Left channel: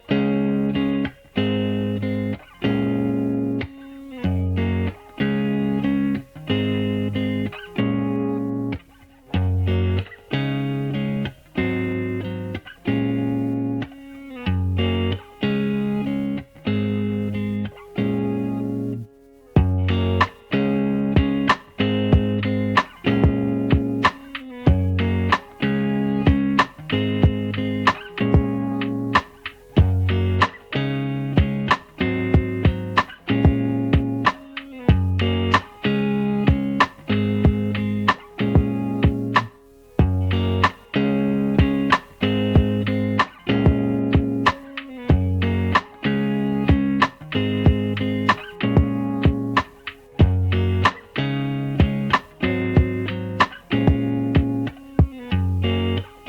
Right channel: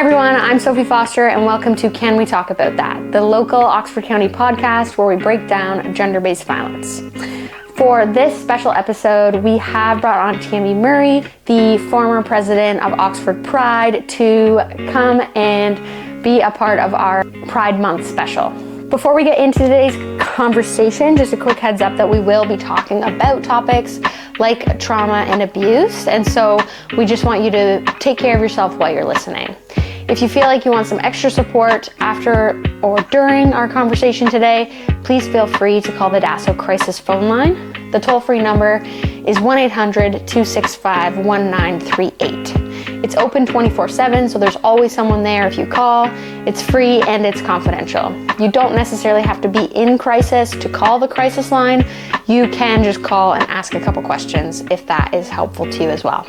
Hi everyone, I'm Sophie Foster and welcome to Can We Talk About That, the local Oxford County podcast where we break down gender-based violence. For this special episode, we have brought on Tami Murray, the former president of Oxford Pride, to come and be a part of our Pride Month special. Before we get into today's conversation, just a quick heads up that we will be talking about topics like trauma and abuse, and so we just want you to take care of yourself while you're listening. If you feel like you want some extra support after or during our conversation today, please feel free to call the DASO crisis phone line. The toll-free number is 1-800-265-1938. It's open 24/7, so there's always someone there if you call. It's free and it's confidential. You don't necessarily have to be in crisis to call the crisis line. You can just call and ask a couple questions if that is helpful to you as well.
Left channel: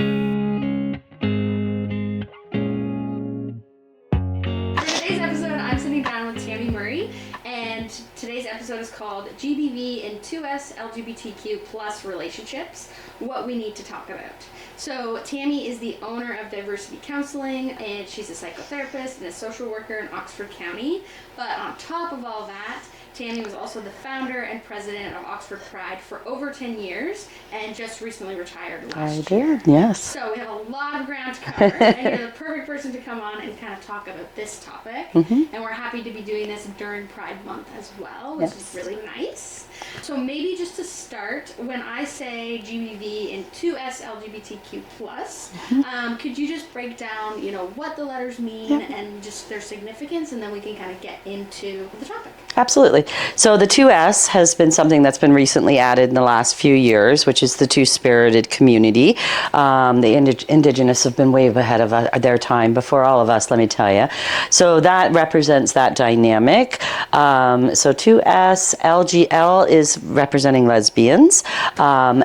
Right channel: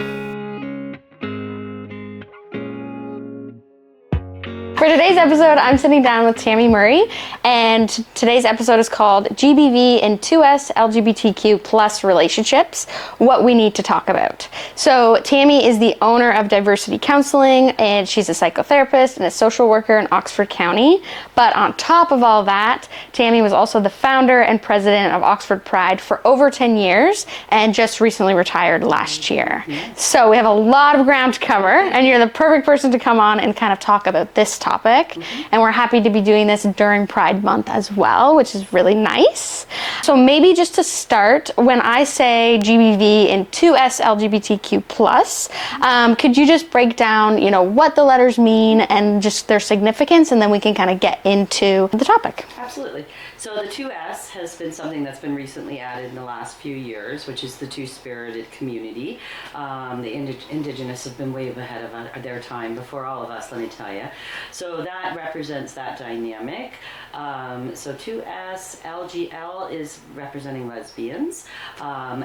For today's episode, I'm sitting down with Tami Murray, and today's episode is called GBV and 2SLGBTQ plus relationships, what we need to talk about. So Tami is the owner of Diversity Counselling, and she's a psychotherapist and a social worker in Oxford County. But on top of all that, Tami was also the founder and president of Oxford Pride for over 10 years and just recently retired last year. Yes. So we have a lot of ground to cover, and you're the perfect person to come on and kind of talk about this topic. And we're happy to be doing this during Pride Month as well, which is really nice. So maybe just to start, when I say GBV and 2SLGBTQ plus, could you just break down, what the letters mean and just their significance, and then we can kind of get into the topic. Absolutely. So the 2S has been something that's been recently added in the last few years, which is the two-spirited community. The Indigenous have been way ahead of their time before all of us, let me tell you. So that represents that dynamic. So 2S, LGL is representing lesbians.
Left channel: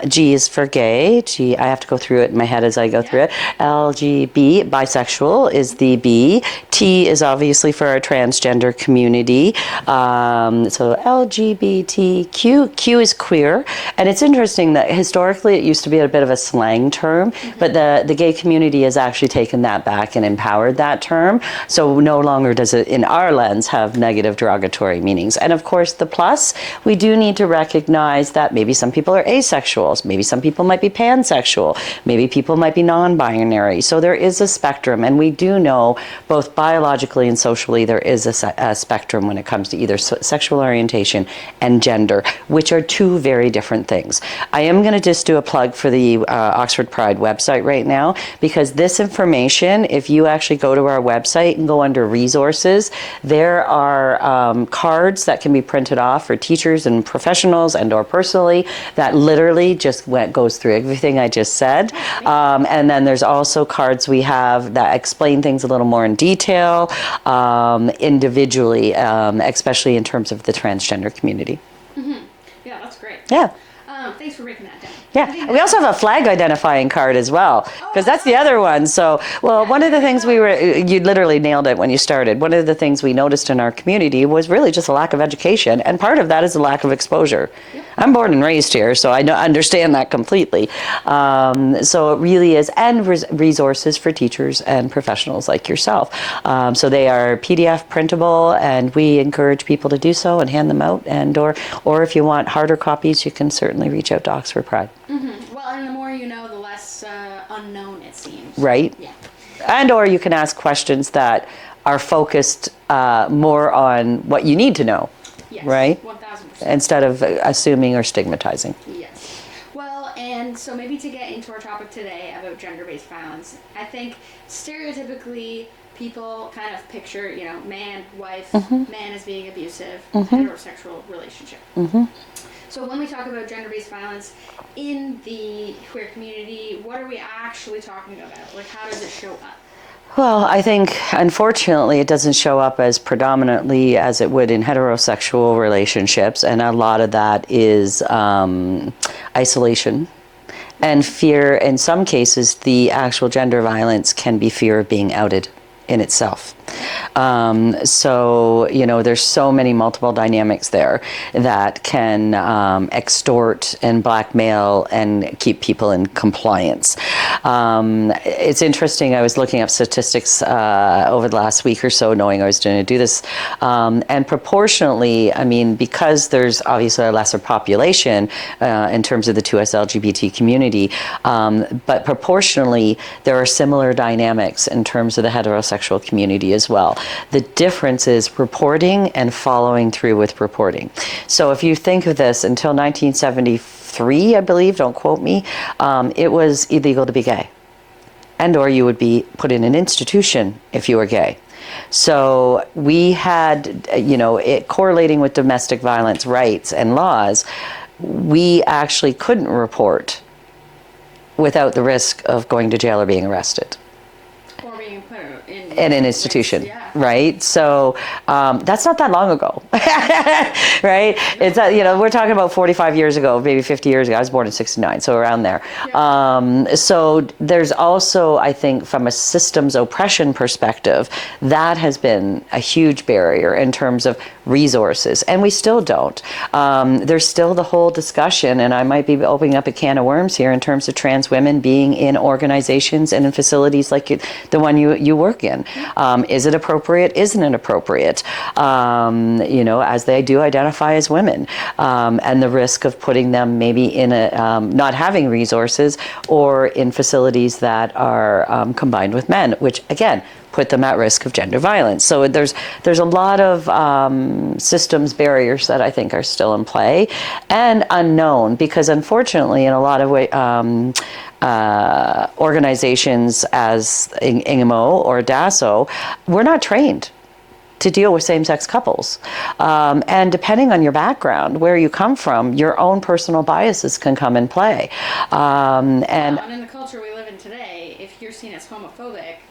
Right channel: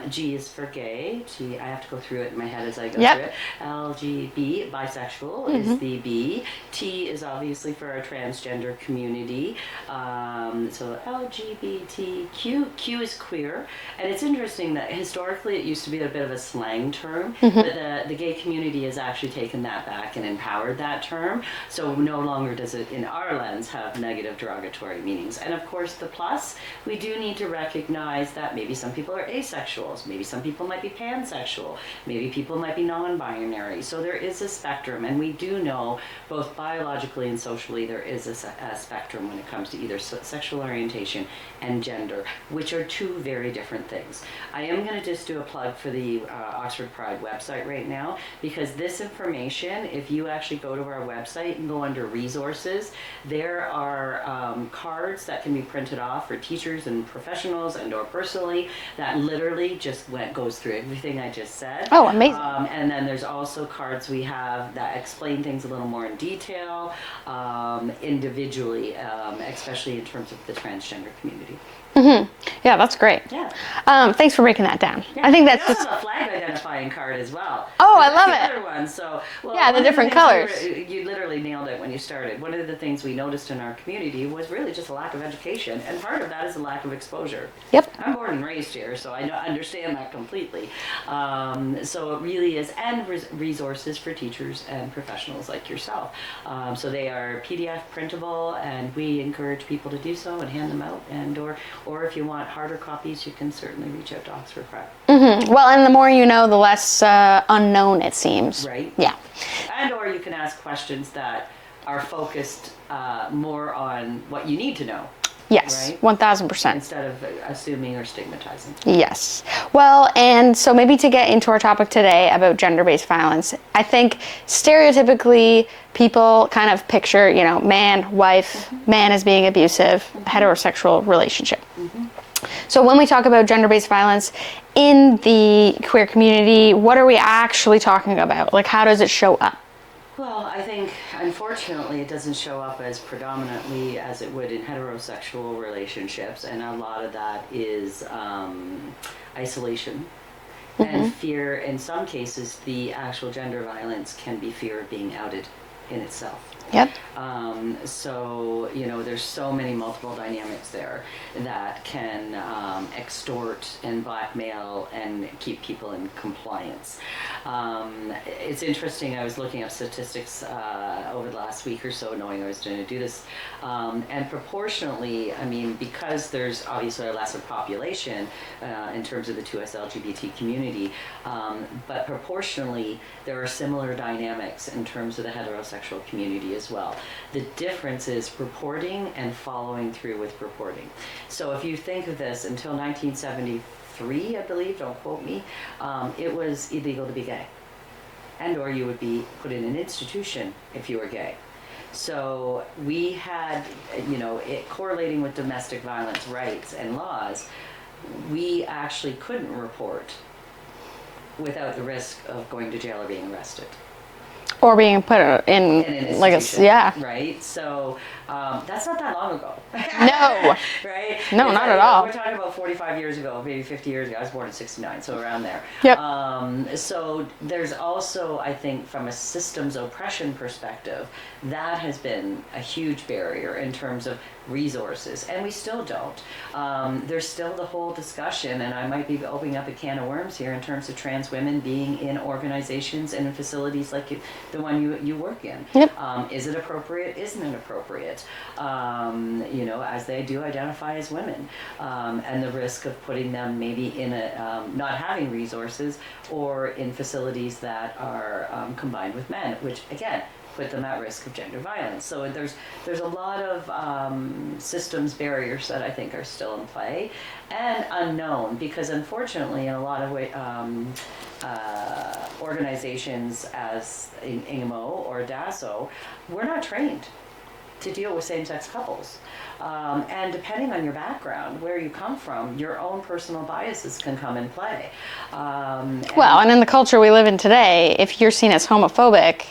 G is for gay. G, I have to go through it in my head as I go through it. LGB, bisexual, is the B. T is obviously for our transgender community. So LGBTQ, Q is queer. And it's interesting that historically it used to be a bit of a slang term, but the gay community has actually taken that back and empowered that term. So no longer does it, in our lens, have negative derogatory meanings. And of course, the plus, we do need to recognize that maybe some people are asexuals, maybe some people might be pansexual, maybe people might be non-binary. So there is a spectrum, and we do know both biologically and socially there is a spectrum when it comes to either sexual orientation and gender, which are two very different things. I am going to just do a plug for the Oxford Pride website right now, because this information, if you actually go to our website and go under resources, there are cards that can be printed off for teachers and professionals and or personally that literally just goes through everything I just said. Oh, amazing. And then there's also cards we have that explain things a little more in detail, individually, especially in terms of the transgender community. Yeah, that's great. Yeah. Thanks for breaking that down. Yeah. I think we also have a flag identifying card as well. Oh, because that's I the love other one. So, one of the things you literally nailed it when you started. One of the things we noticed in our community was really just a lack of education. And part of that is a lack of exposure. Yep. I'm born and raised here, so I understand that completely. So it really is, and resources for teachers and professionals like yourself. So they are PDF printable, and we encourage people to do so and hand them out. And or if you want harder copies, you can certainly reach out to Oxford Pride. Well, and the more you know, the less unknown it seems. Right. Yeah. And or you can ask questions that are focused more on what you need to know. Yes. Right? 1000%. Instead of assuming or stigmatizing. Yes. Well, and so maybe to get into our topic today about gender-based violence, I think stereotypically people kind of picture, man, wife, man as being abusive, heterosexual relationship. So when we talk about gender-based violence in the queer community, what are we actually talking about? Like, how does it show up? Well, I think, unfortunately, it doesn't show up as predominantly as it would in heterosexual relationships, and a lot of that is isolation and fear. In some cases, the actual gender violence can be fear of being outed. in itself. Yep. So, there's so many multiple dynamics there that can extort and blackmail and keep people in compliance. It's interesting, I was looking up statistics over the last week or so, knowing I was going to do this. And proportionately, because there's obviously a lesser population in terms of the 2SLGBT community, but proportionally, there are similar dynamics in terms of the heterosexual community as well. The difference is reporting and following through with reporting. So if you think of this, until 1973, I believe, don't quote me, it was illegal to be gay. And or you would be put in an institution if you were gay. So we had, it correlating with domestic violence rights and laws, we actually couldn't report without the risk of going to jail or being arrested. Or being put in an institution, right? So that's not that long ago, No. right? No, not at all. We're talking about 45 years ago, maybe 50 years ago. I was born in '69, so around there. Yep. So there's also, I think, from a systems oppression perspective, that has been a huge barrier in terms of resources, and we still don't. There's still the whole discussion, and I might be opening up a can of worms here in terms of trans women being in organizations and in facilities like the one you work in. Yep. Is it appropriate? Isn't it appropriate? As they do identify as women, and the risk of putting them maybe in a not having resources or in facilities that are combined with men, which again put them at risk of gender violence. So there's a lot of systems barriers that I think are still in play and unknown, because unfortunately in a lot of ways organizations as INGMO or DASO, we're not trained to deal with same-sex couples. And depending on your background, where you come from, your own personal biases can come in play. And in the culture we live in today, if you're seen as homophobic,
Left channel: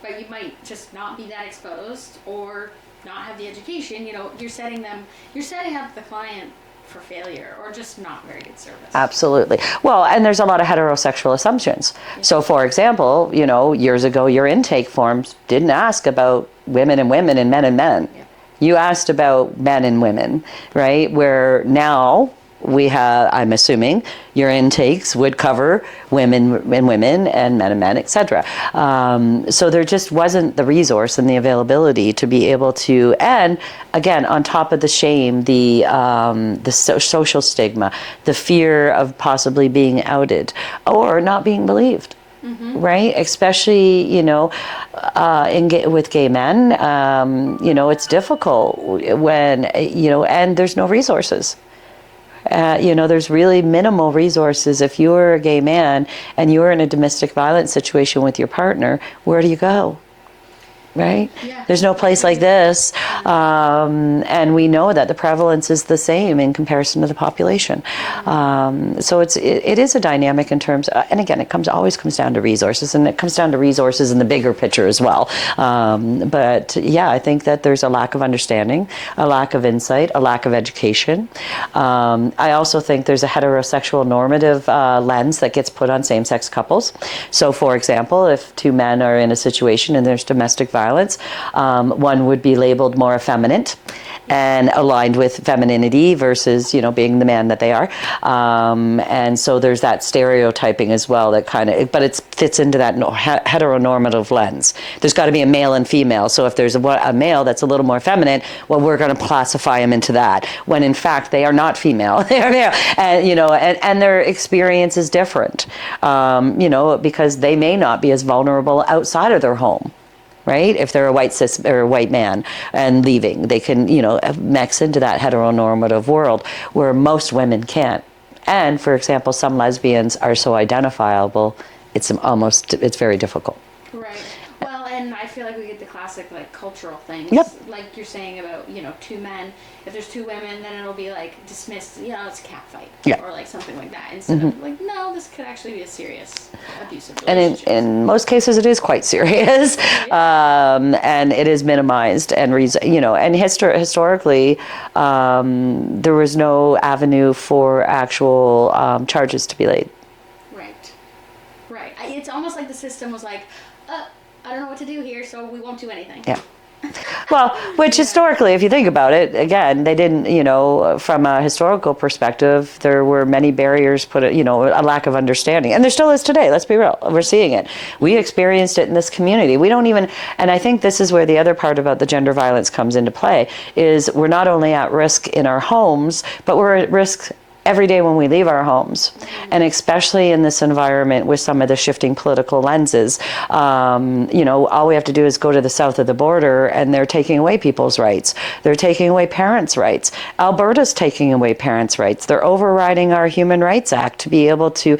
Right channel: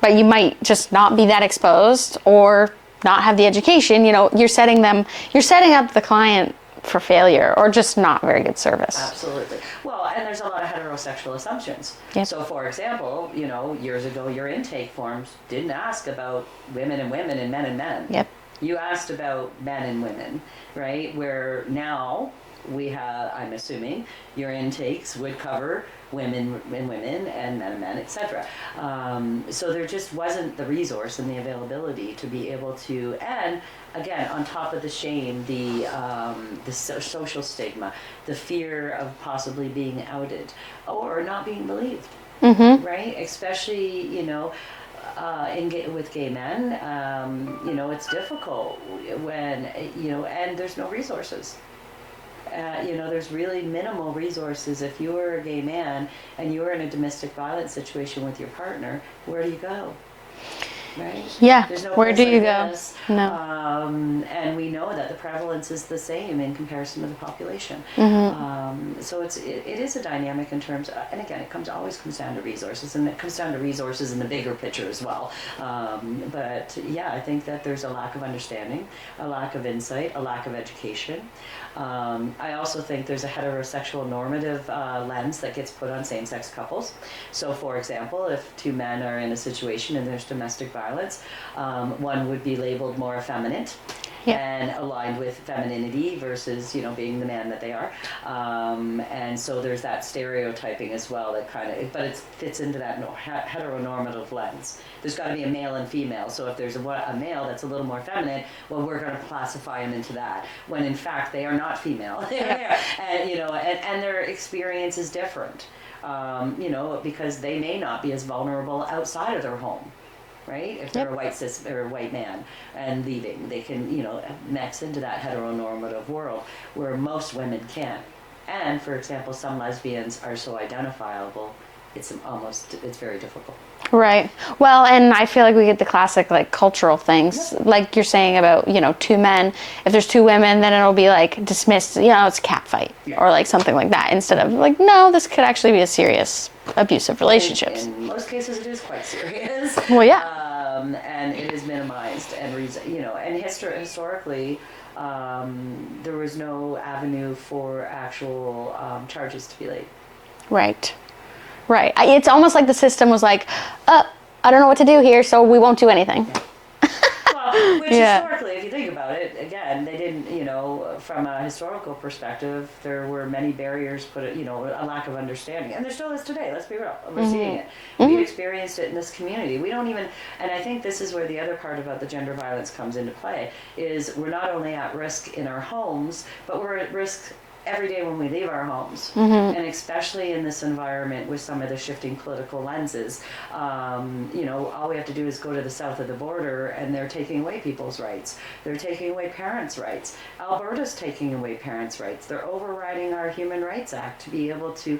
but you might just not be that exposed or not have the education, you're setting up the client for failure or just not very good service. Absolutely. Well, and there's a lot of heterosexual assumptions. Yep. So for example, years ago, your intake forms didn't ask about women and women and men. Yep. You asked about men and women, right? Where now we have, I'm assuming, your intakes would cover women and women and men, etc. So there just wasn't the resource and the availability to be able to, and again, on top of the shame, the social stigma, the fear of possibly being outed or not being believed. Mm-hmm. Right? Especially, with gay men, it's difficult when, and there's no resources. There's really minimal resources. If you're a gay man and you're in a domestic violence situation with your partner, where do you go? Right? Yeah. There's no place like this. No. And we know that the prevalence is the same in comparison to the population. Mm-hmm. So it is a dynamic in terms of, and again, always comes down to resources, and it comes down to resources in the bigger picture as well. But yeah, I think that there's a lack of understanding, a lack of insight, a lack of education. I also think there's a heterosexual normative lens that gets put on same-sex couples. So for example, if two men are in a situation and there's domestic violence, one would be labeled more effeminate. Yes. And aligned with femininity versus, being the man that they are. And so there's that stereotyping as well that but it fits into that heteronormative lens. There's got to be a male and female. So if there's a male that's a little more feminine, well, we're going to classify him into that. When in fact, they are not female. They are male. And, and their experience is different, because they may not be as vulnerable outside of their home. Right? If they're a white cis or a white man and leaving, they can, mix into that heteronormative world where most women can't. And for example, some lesbians are so identifiable, it's very difficult. Right. Well, and I feel like we get the classic cultural things. Yep. Like you're saying about, two men. If there's two women, then it'll be dismissed, it's a cat fight. Yeah. Or something like that. Instead Mm-hmm. of no, this could actually be a serious abusive relationship. In most cases it is quite serious. Well, yeah. And it is minimized and historically there was no avenue for actual charges to be laid. Right. Right. It's almost like the system was I don't know what to do here, so we won't do anything. Yeah. Well, which historically, if you think about it, again, they didn't, from a historical perspective, there were many barriers put, a lack of understanding. And there still is today, let's be real. We're seeing it. We experienced it in this community. We don't even, and I think this is where the other part about the gender violence comes into play, is we're not only at risk in our homes, but we're at risk every day when we leave our homes, and especially in this environment with some of the shifting political lenses. All we have to do is go to the south of the border and they're taking away people's rights. They're taking away parents' rights. Alberta's taking away parents' rights. They're overriding our Human Rights Act to be able to,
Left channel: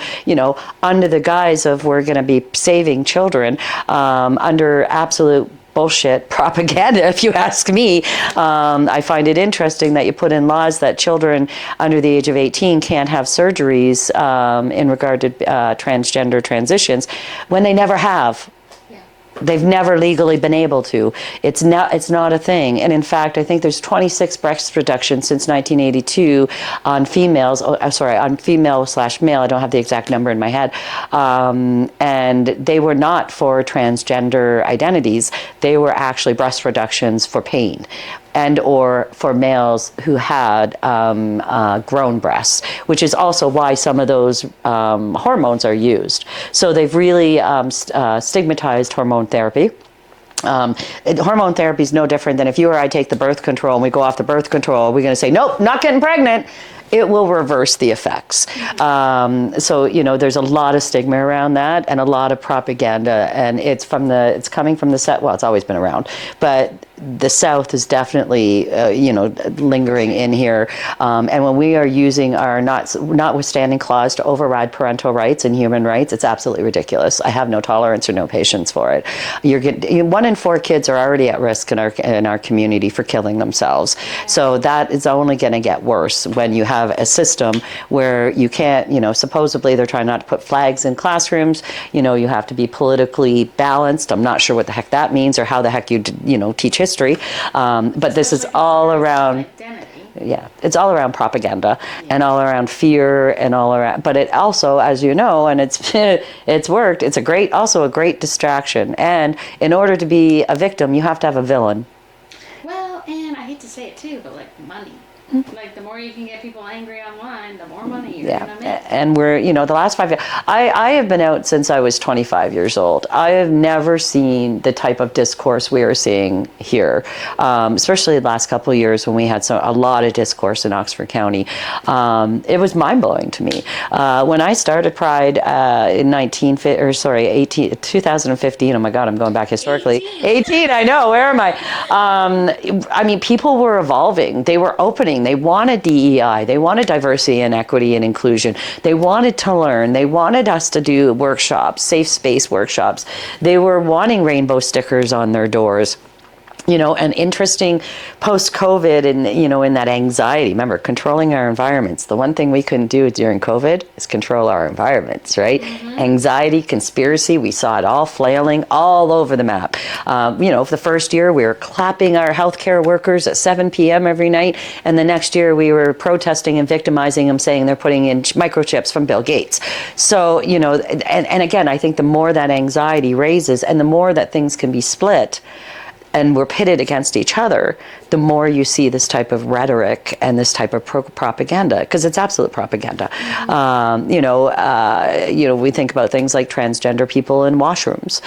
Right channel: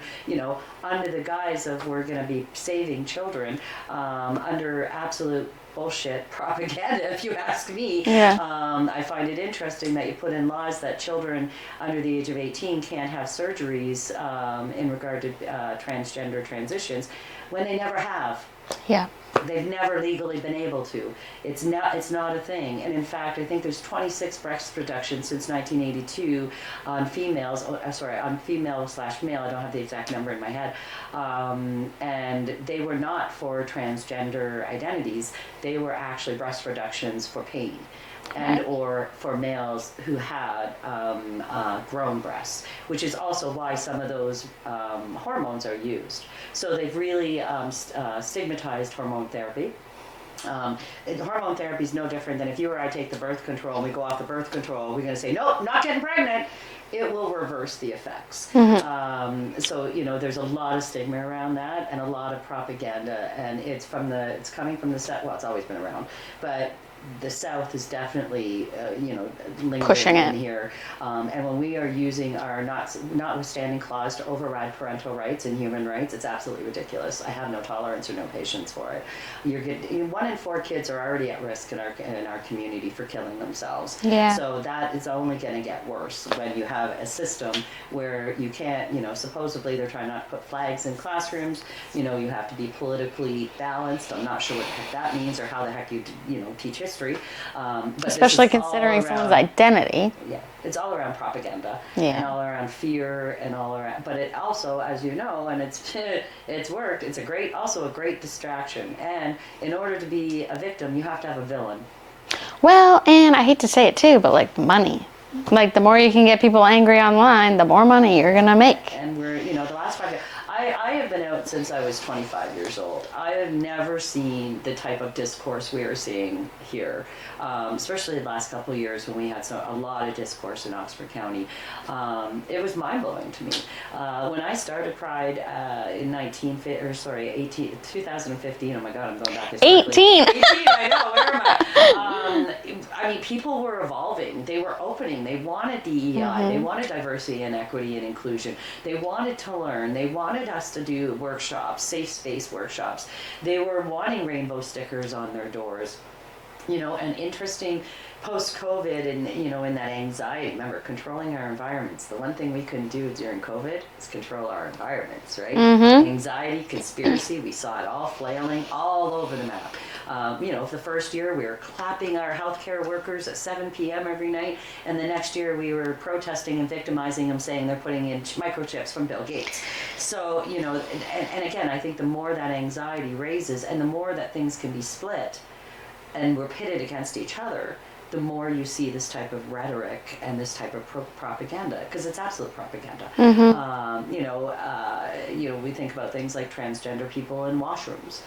under the guise of we're going to be saving children, under absolute bullshit propaganda, if you ask me. I find it interesting that you put in laws that children under the age of 18 can't have surgeries in regard to transgender transitions when they never have. Yeah. They've never legally been able to. It's not a thing. And in fact, I think there's 26 breast reductions since 1982 on females, on female/male. I don't have the exact number in my head. And they were not for transgender identities. They were actually breast reductions for pain, and or for males who had grown breasts, which is also why some of those hormones are used. So they've really stigmatized hormone therapy. Hormone therapy is no different than if you or I take the birth control and we go off the birth control, we're going to say, nope, not getting pregnant. It will reverse the effects. So, there's a lot of stigma around that and a lot of propaganda, and it's coming from the South. Well, it's always been around, but the South is definitely, lingering in here. And when we are using our notwithstanding clause to override parental rights and human rights, it's absolutely ridiculous. I have no tolerance or no patience for it. 1 in 4 kids are already at risk in our community for killing themselves. Yeah. So that is only going to get worse when you have a system where you can't, supposedly they're trying not to put flags in classrooms. You have to be politically balanced. I'm not sure what the heck that means or how the heck you teach history. But especially this is all around identity. Yeah, it's all around propaganda and all around fear and all around. But it also, as you know, and it's worked. It's also a great distraction. And in order to be a victim, you have to have a villain. Well, and I hate to say it too, but like money. Like the more you can get people angry online, the more money you're going to make. And we're, the last 5 years, I have been out since I was 25 years old. I have never seen the type of discourse we are seeing here, especially the last couple of years when we had a lot of discourse in Oxford County. It was mind-blowing to me. When I started Pride in 2015, oh my God, I'm going back historically. 18, I know, where am I? People were evolving. They were opening. They wanted DEI. They wanted diversity and equity and inclusion. They wanted to learn. They wanted us to do workshops, safe space workshops. They were wanting rainbow stickers on their doors. And interesting post-COVID and, in that anxiety. Remember, controlling our environments. The one thing we couldn't do during COVID is control our environments, right? Anxiety, conspiracy, we saw it all flailing all over the map. For the first year, we were clapping our healthcare workers at 7 p.m. every night. And the next year, we were protesting and victimizing them, saying they're putting in microchips from Bill Gates. So, and again, I think the more that anxiety raises and the more that things can be split, and we're pitted against each other, the more you see this type of rhetoric and this type of propaganda, because it's absolute propaganda. We think about things like transgender people in washrooms.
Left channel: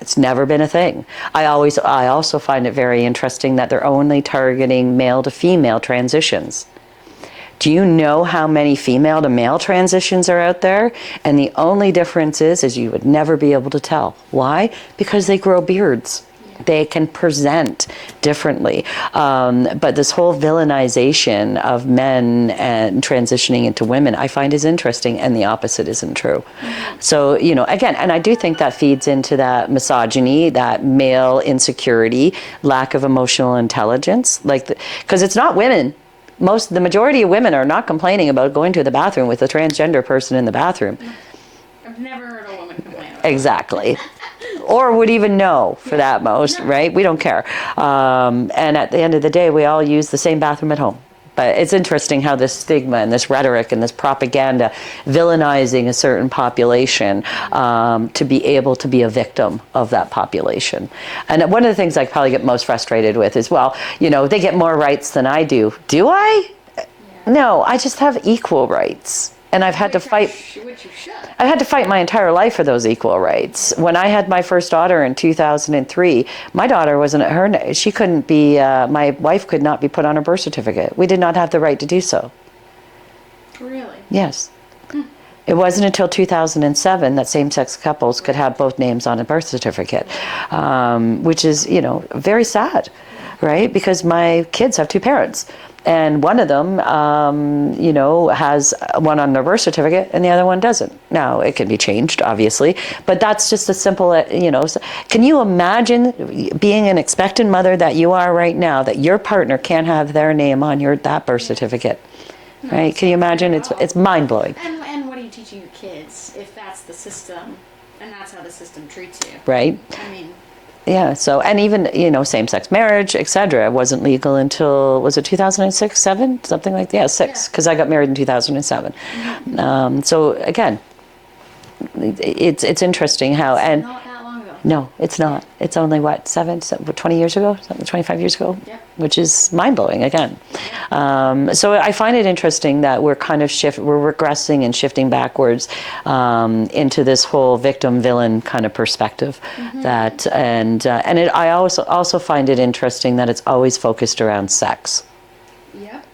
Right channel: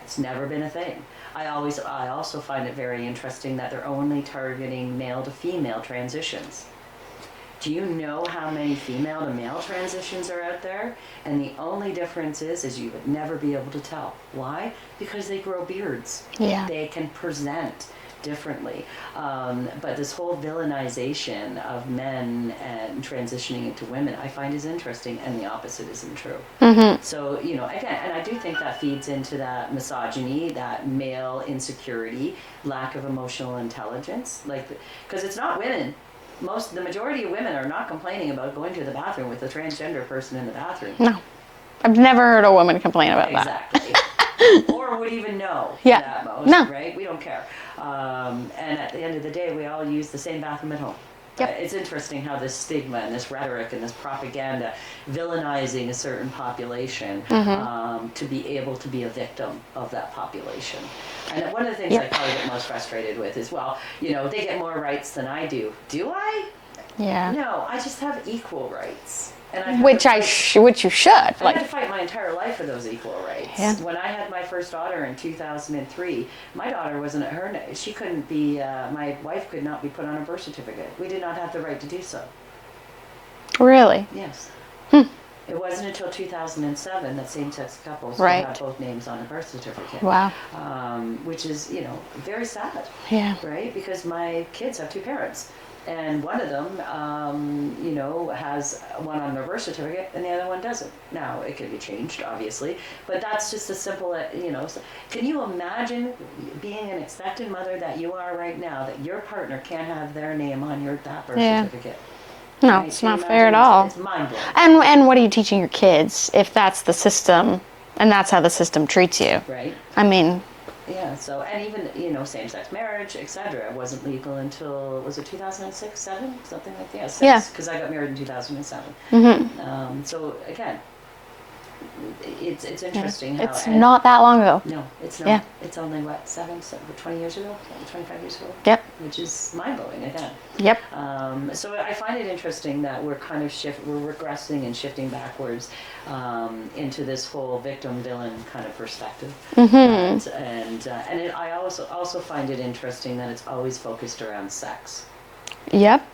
It's never been a thing. I also find it very interesting that they're only targeting male to female transitions. Do you know how many female to male transitions are out there? And the only difference is you would never be able to tell. Why? Because they grow beards. Yeah. They can present differently. But this whole villainization of men and transitioning into women, I find is interesting, and the opposite isn't true. So, again, and I do think that feeds into that misogyny, that male insecurity, lack of emotional intelligence, because it's not women. The majority of women are not complaining about going to the bathroom with a transgender person in the bathroom. No. I've never heard a woman complain about that. Or would even know for that most, right? We don't care. And at the end of the day, we all use the same bathroom at home. But it's interesting how this stigma and this rhetoric and this propaganda villainizing a certain population to be able to be a victim of that population. And one of the things I probably get most frustrated with is, well, you know, they get more rights than I do. Do I? Yeah. No, I just have equal rights. And I've had to fight. Which you should. I had to fight my entire life for those equal rights. Yeah. When I had my first daughter in 2003, my daughter wasn't she couldn't be. My wife could not be put on a birth certificate. We did not have the right to do so. Really? Yes. It wasn't until 2007 that same-sex couples could have both names on a birth certificate. Wow. Which is, you know, very sad. Yeah. Right? Because my kids have two parents. And one of them, you know, has one on their birth certificate and the other one doesn't. Now, it can be changed, obviously, but that's just a simple, you know. Can you imagine being an expectant mother that you are right now, that your partner can't have their name on that birth certificate? No, right? it's Can you not imagine? fair at all. It's mind-blowing. And what are you teaching your kids if that's the system and that's how the system treats you? Right. I mean... Yeah, so, and even, you know, same-sex marriage, etc., wasn't legal until, was it 2006, 7? Something like that? Yeah, 6, because I got married in 2007. So, again, it's interesting how... It's not that long ago. No, it's not. Yeah. It's only, what, 20 years ago? 25 years ago? Yep. Which is mind-blowing, again. Yep. So I find it interesting that we're kind of we're regressing and shifting backwards into this whole victim-villain kind of perspective. I also find it interesting that it's always focused around sex. Yep.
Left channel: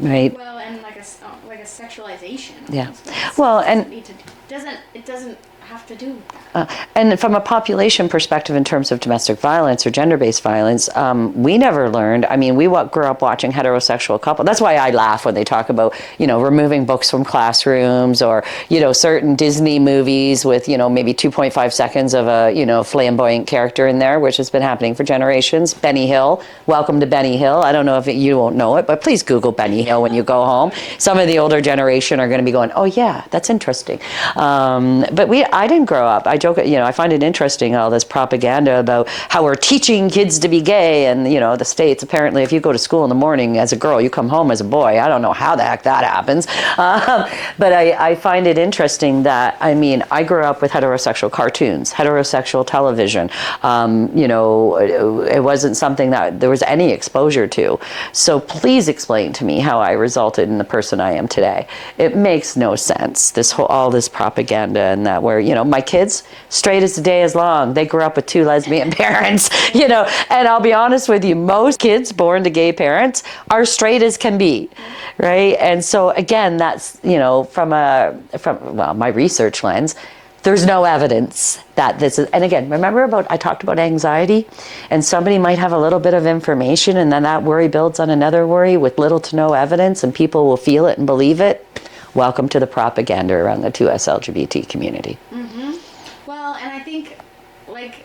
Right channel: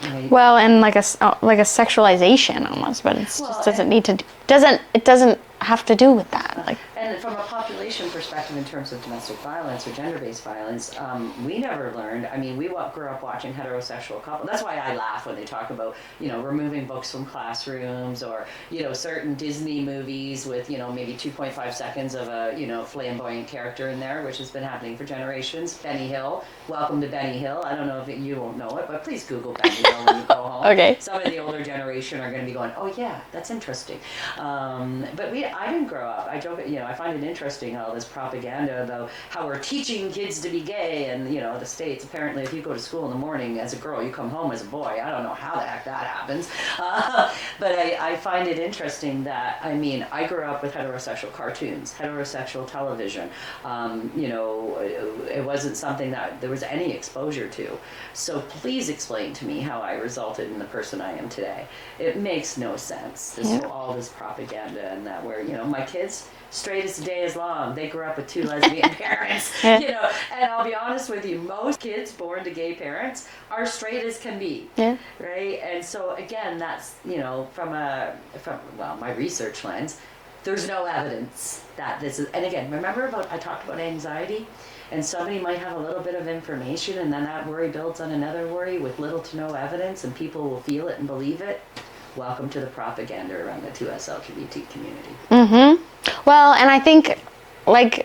Right. Well, and like a sexualization almost, but it doesn't have to do with that. And from a population perspective, in terms of domestic violence or gender-based violence, we never learned. I mean, we grew up watching heterosexual couples. That's why I laugh when they talk about, you know, removing books from classrooms, or, you know, certain Disney movies with, you know, maybe 2.5 seconds of a, you know, flamboyant character in there, which has been happening for generations. Benny Hill. Welcome to Benny Hill. I don't know if you won't know it, but please Google Benny Hill when you go home. Okay. Some of the older generation are going to be going, oh yeah, that's interesting. But I didn't grow up. I joke, you know, I find it interesting, all this propaganda about how we're teaching kids to be gay, and, you know, the States, apparently, if you go to school in the morning as a girl, you come home as a boy. I don't know how the heck that happens. But I find it interesting that, I mean, I grew up with heterosexual cartoons, heterosexual television. You know, it wasn't something that there was any exposure to. So please explain to me how I resulted in the person I am today. It makes no sense, all this propaganda, and that where, you know, my kids, straight as the day is long. They grew up with two lesbian parents, you know, and I'll be honest with you, most kids born to gay parents are straight as can be, right? And so again, that's, you know, from my research lens, there's no evidence that this is, and again, remember I talked about anxiety, and somebody might have a little bit of information, and then that worry builds on another worry with little to no evidence, and people will feel it and believe it. Welcome to the propaganda around the 2SLGBT community. Well, and I think, like,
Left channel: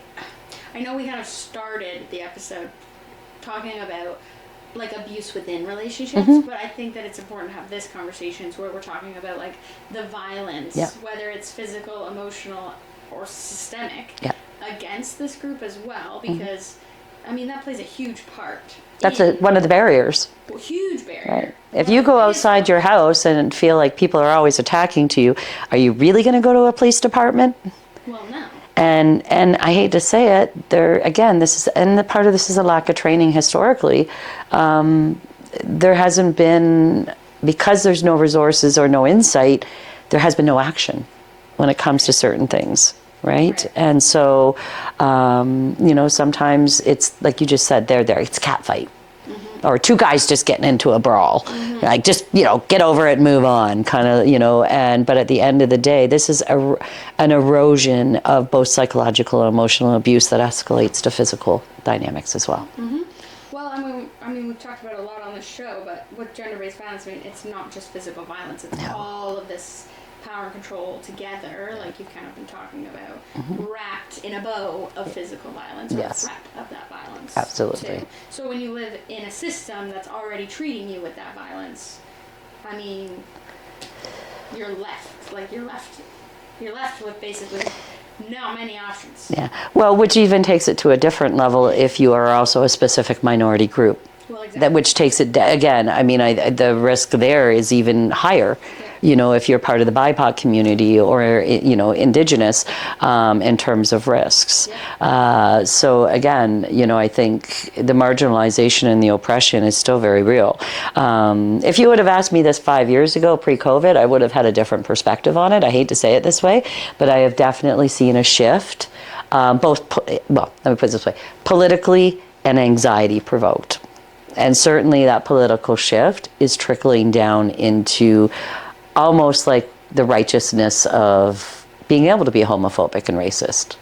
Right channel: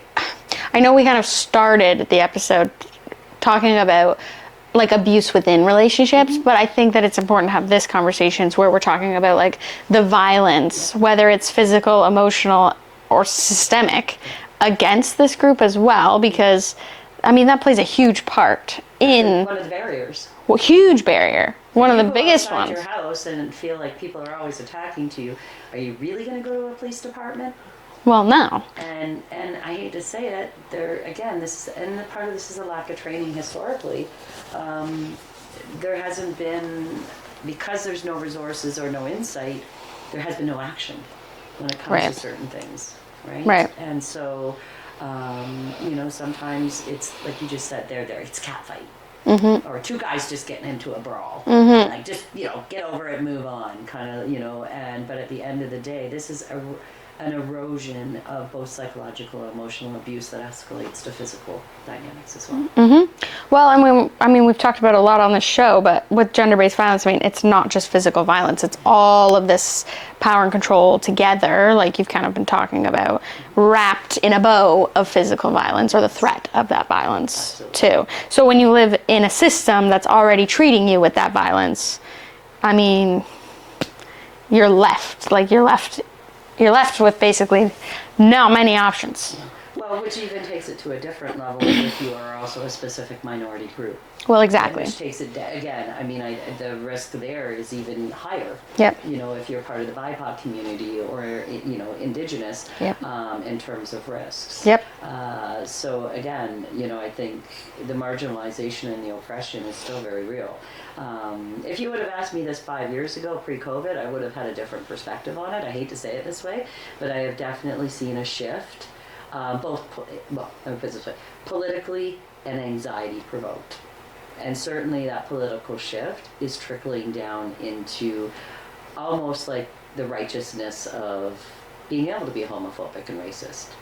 I know we kind of started the episode talking about, like, abuse within relationships, but I think that it's important to have this conversations where we're talking about, like, the violence, whether it's physical, emotional, or systemic, against this group as well, because, I mean, that plays a huge part. That's one of the barriers. Well, huge barrier. If you go outside your house and feel like people are always attacking to you, are you really going to go to a police department? Well, no. And I hate to say it, the part of this is a lack of training historically. There hasn't been, because there's no resources or no insight, there has been no action when it comes to certain things, right? And so, you know, sometimes it's like you just said, it's a cat fight. Or two guys just getting into a brawl. Like, just, you know, get over it, move on, kind of, you know, but at the end of the day, this is an erosion of both psychological and emotional abuse that escalates to physical dynamics as well. Well, and we've talked about it a lot on this show, but with gender-based violence, I mean, it's not just physical violence, it's all of this power and control together, like you've kind of been talking about, wrapped in a bow of physical violence, or the threat of that violence too. So when you live in a system that's already treating you with that violence, I mean, you're left with basically not many options. Well, which even takes it to a different level if you are also a specific minority group. Well, exactly. Which takes it, again, I mean, the risk there is even higher. Yep. You know, if you're part of the BIPOC community or, you know, Indigenous, Yep. in terms of risks. Yep. So again, you know, I think the marginalization and the oppression is still very real. If you would have asked me this 5 years ago, pre-COVID, I would have had a different perspective on it. I hate to say it this way, but I have definitely seen a shift, well, let me put it this way, politically and anxiety provoked. And certainly that political shift is trickling down into almost like the righteousness of being able to be homophobic and racist.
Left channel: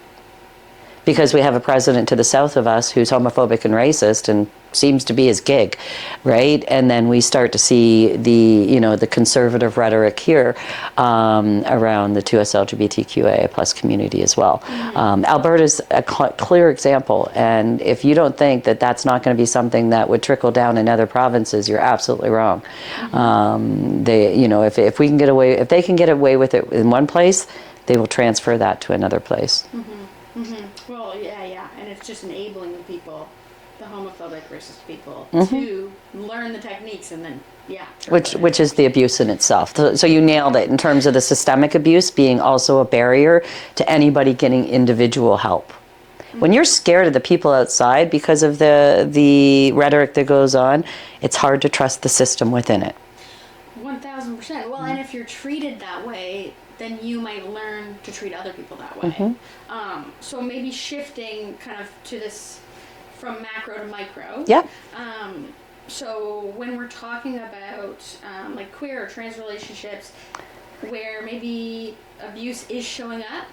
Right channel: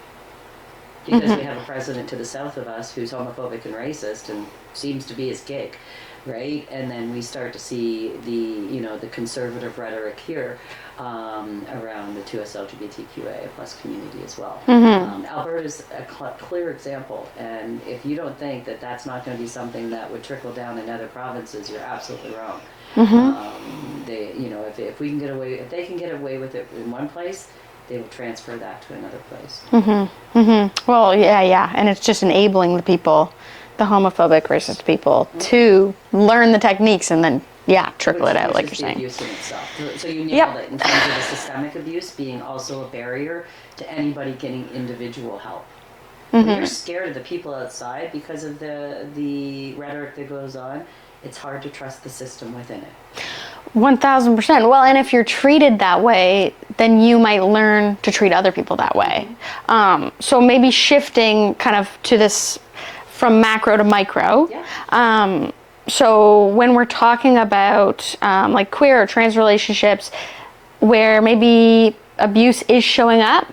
Because we have a president to the south of us who's homophobic and racist and seems to be his gig, right? And then we start to see the, you know, the conservative rhetoric here around the 2SLGBTQA plus community as well. Alberta's a clear example, and if you don't think that that's not going to be something that would trickle down in other provinces, you're absolutely wrong. They, you know, if we can get away, if they can get away with it in one place, they will transfer that to another place. Well, yeah, and it's just enabling the people, the homophobic, racist people, to learn the techniques and then, trickle it out. Which like is the you're saying. abuse in itself. So you nailed it in terms of the systemic abuse being also a barrier to anybody getting individual help. When you're scared of the people outside because of the rhetoric that goes on, it's hard to trust the system within it. 1000%. Well, and if you're treated that way, then you might learn to treat other people that way. So maybe shifting kind of to this from macro to micro. Yeah. So when we're talking about like queer or trans relationships where maybe abuse is showing up,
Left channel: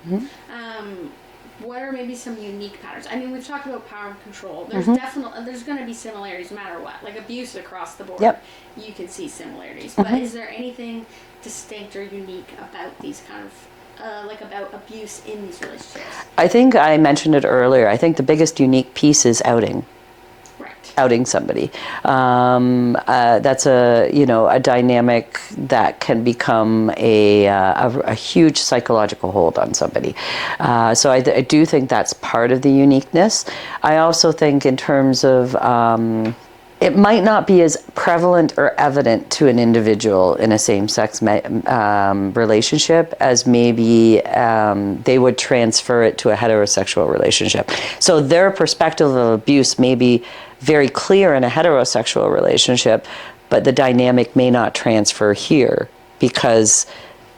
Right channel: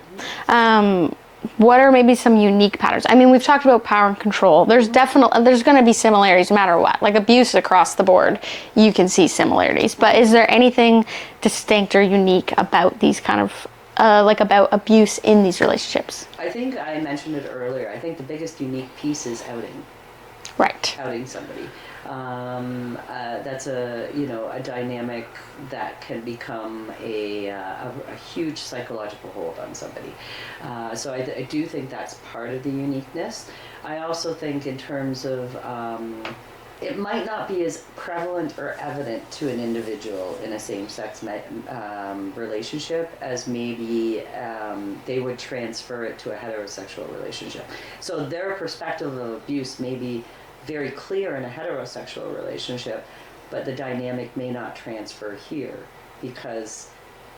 what are maybe some unique patterns? I mean, we've talked about power and control. There's there's going to be similarities no matter what. Like abuse across the board, you can see similarities. But is there anything distinct or unique about these kind of, like about abuse in these relationships? I think I mentioned it earlier. I think the biggest unique piece is outing. Right. Outing somebody. That's a dynamic that can become a huge psychological hold on somebody. So I do think that's part of the uniqueness. I also think in terms of it might not be as prevalent or evident to an individual in a same-sex relationship as maybe they would transfer it to a heterosexual relationship. So their perspective of abuse may be very clear in a heterosexual relationship, but the dynamic may not transfer here because,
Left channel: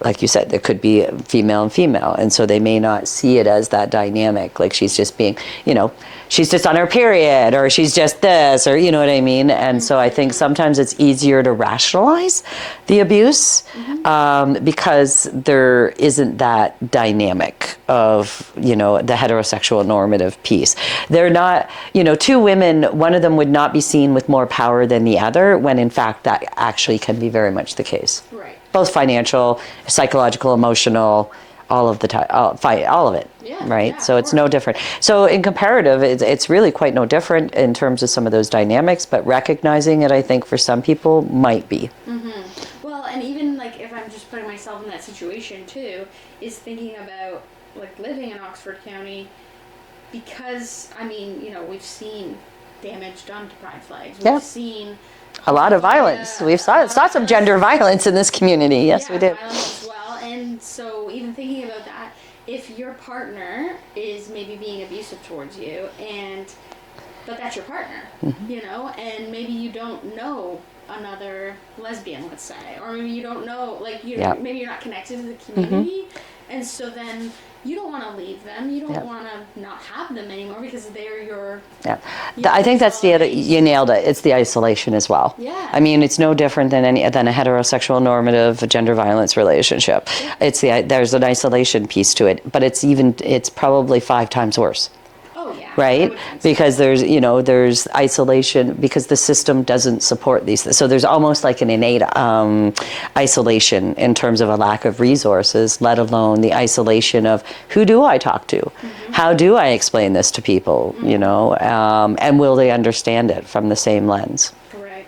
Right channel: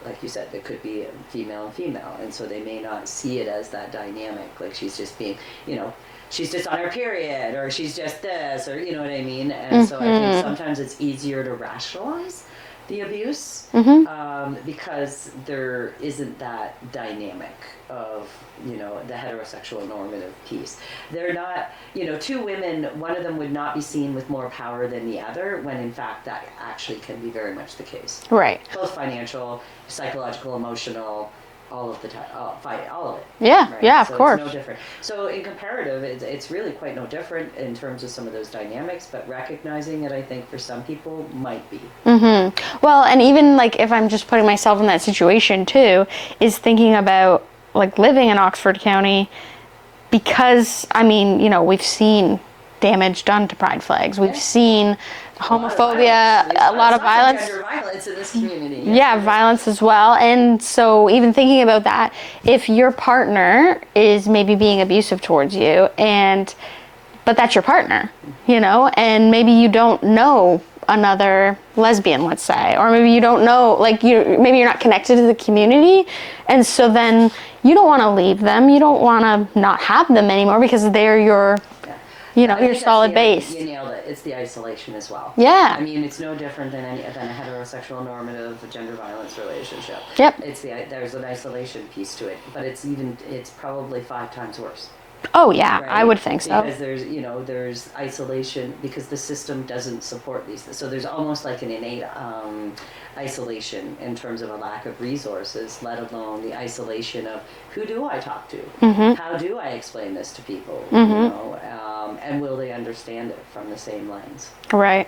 like you said, there could be female and female, and so they may not see it as that dynamic, like she's just being, you know, she's just on her period, or she's just this, or you know what I mean? And so I think sometimes it's easier to rationalize the abuse because there isn't that dynamic of, you know, the heterosexual normative piece. They're not, you know, two women, one of them would not be seen with more power than the other, when in fact that actually can be very much the case. Right. Both financial, psychological, emotional, all of the time, all of it. Yeah. Right. Yeah, so it's no different. So in comparative, it's really quite no different in terms of some of those dynamics, but recognizing it, I think for some people might be. Well, and even like if I'm just putting myself in that situation too, is thinking about like living in Oxford County, because I mean, you know, we've seen damage done to pride flags. We've seen a lot of violence. We've saw lots of gender violence in this community. Yes, violence as well. And so even thinking about that, if your partner is maybe being abusive towards you, but that's your partner, you know, and maybe you don't know another lesbian, let's say, or maybe you don't know, like maybe you're not connected to the community, and so then you don't want to leave them, you don't want to not have them anymore because they're your I think that's solid base. You nailed it. It's the isolation as well. I mean, it's no different than a heterosexual normative gender violence relationship. There's an isolation piece to it, but it's probably 5 times worse. Oh yeah, right? I would think so. Because there's isolation because the system doesn't support these things. So there's almost like an innate isolation in terms of a lack of resources, let alone the isolation of who do I talk to? How do I explain this to people? You know, and will they understand it from the same lens? Right.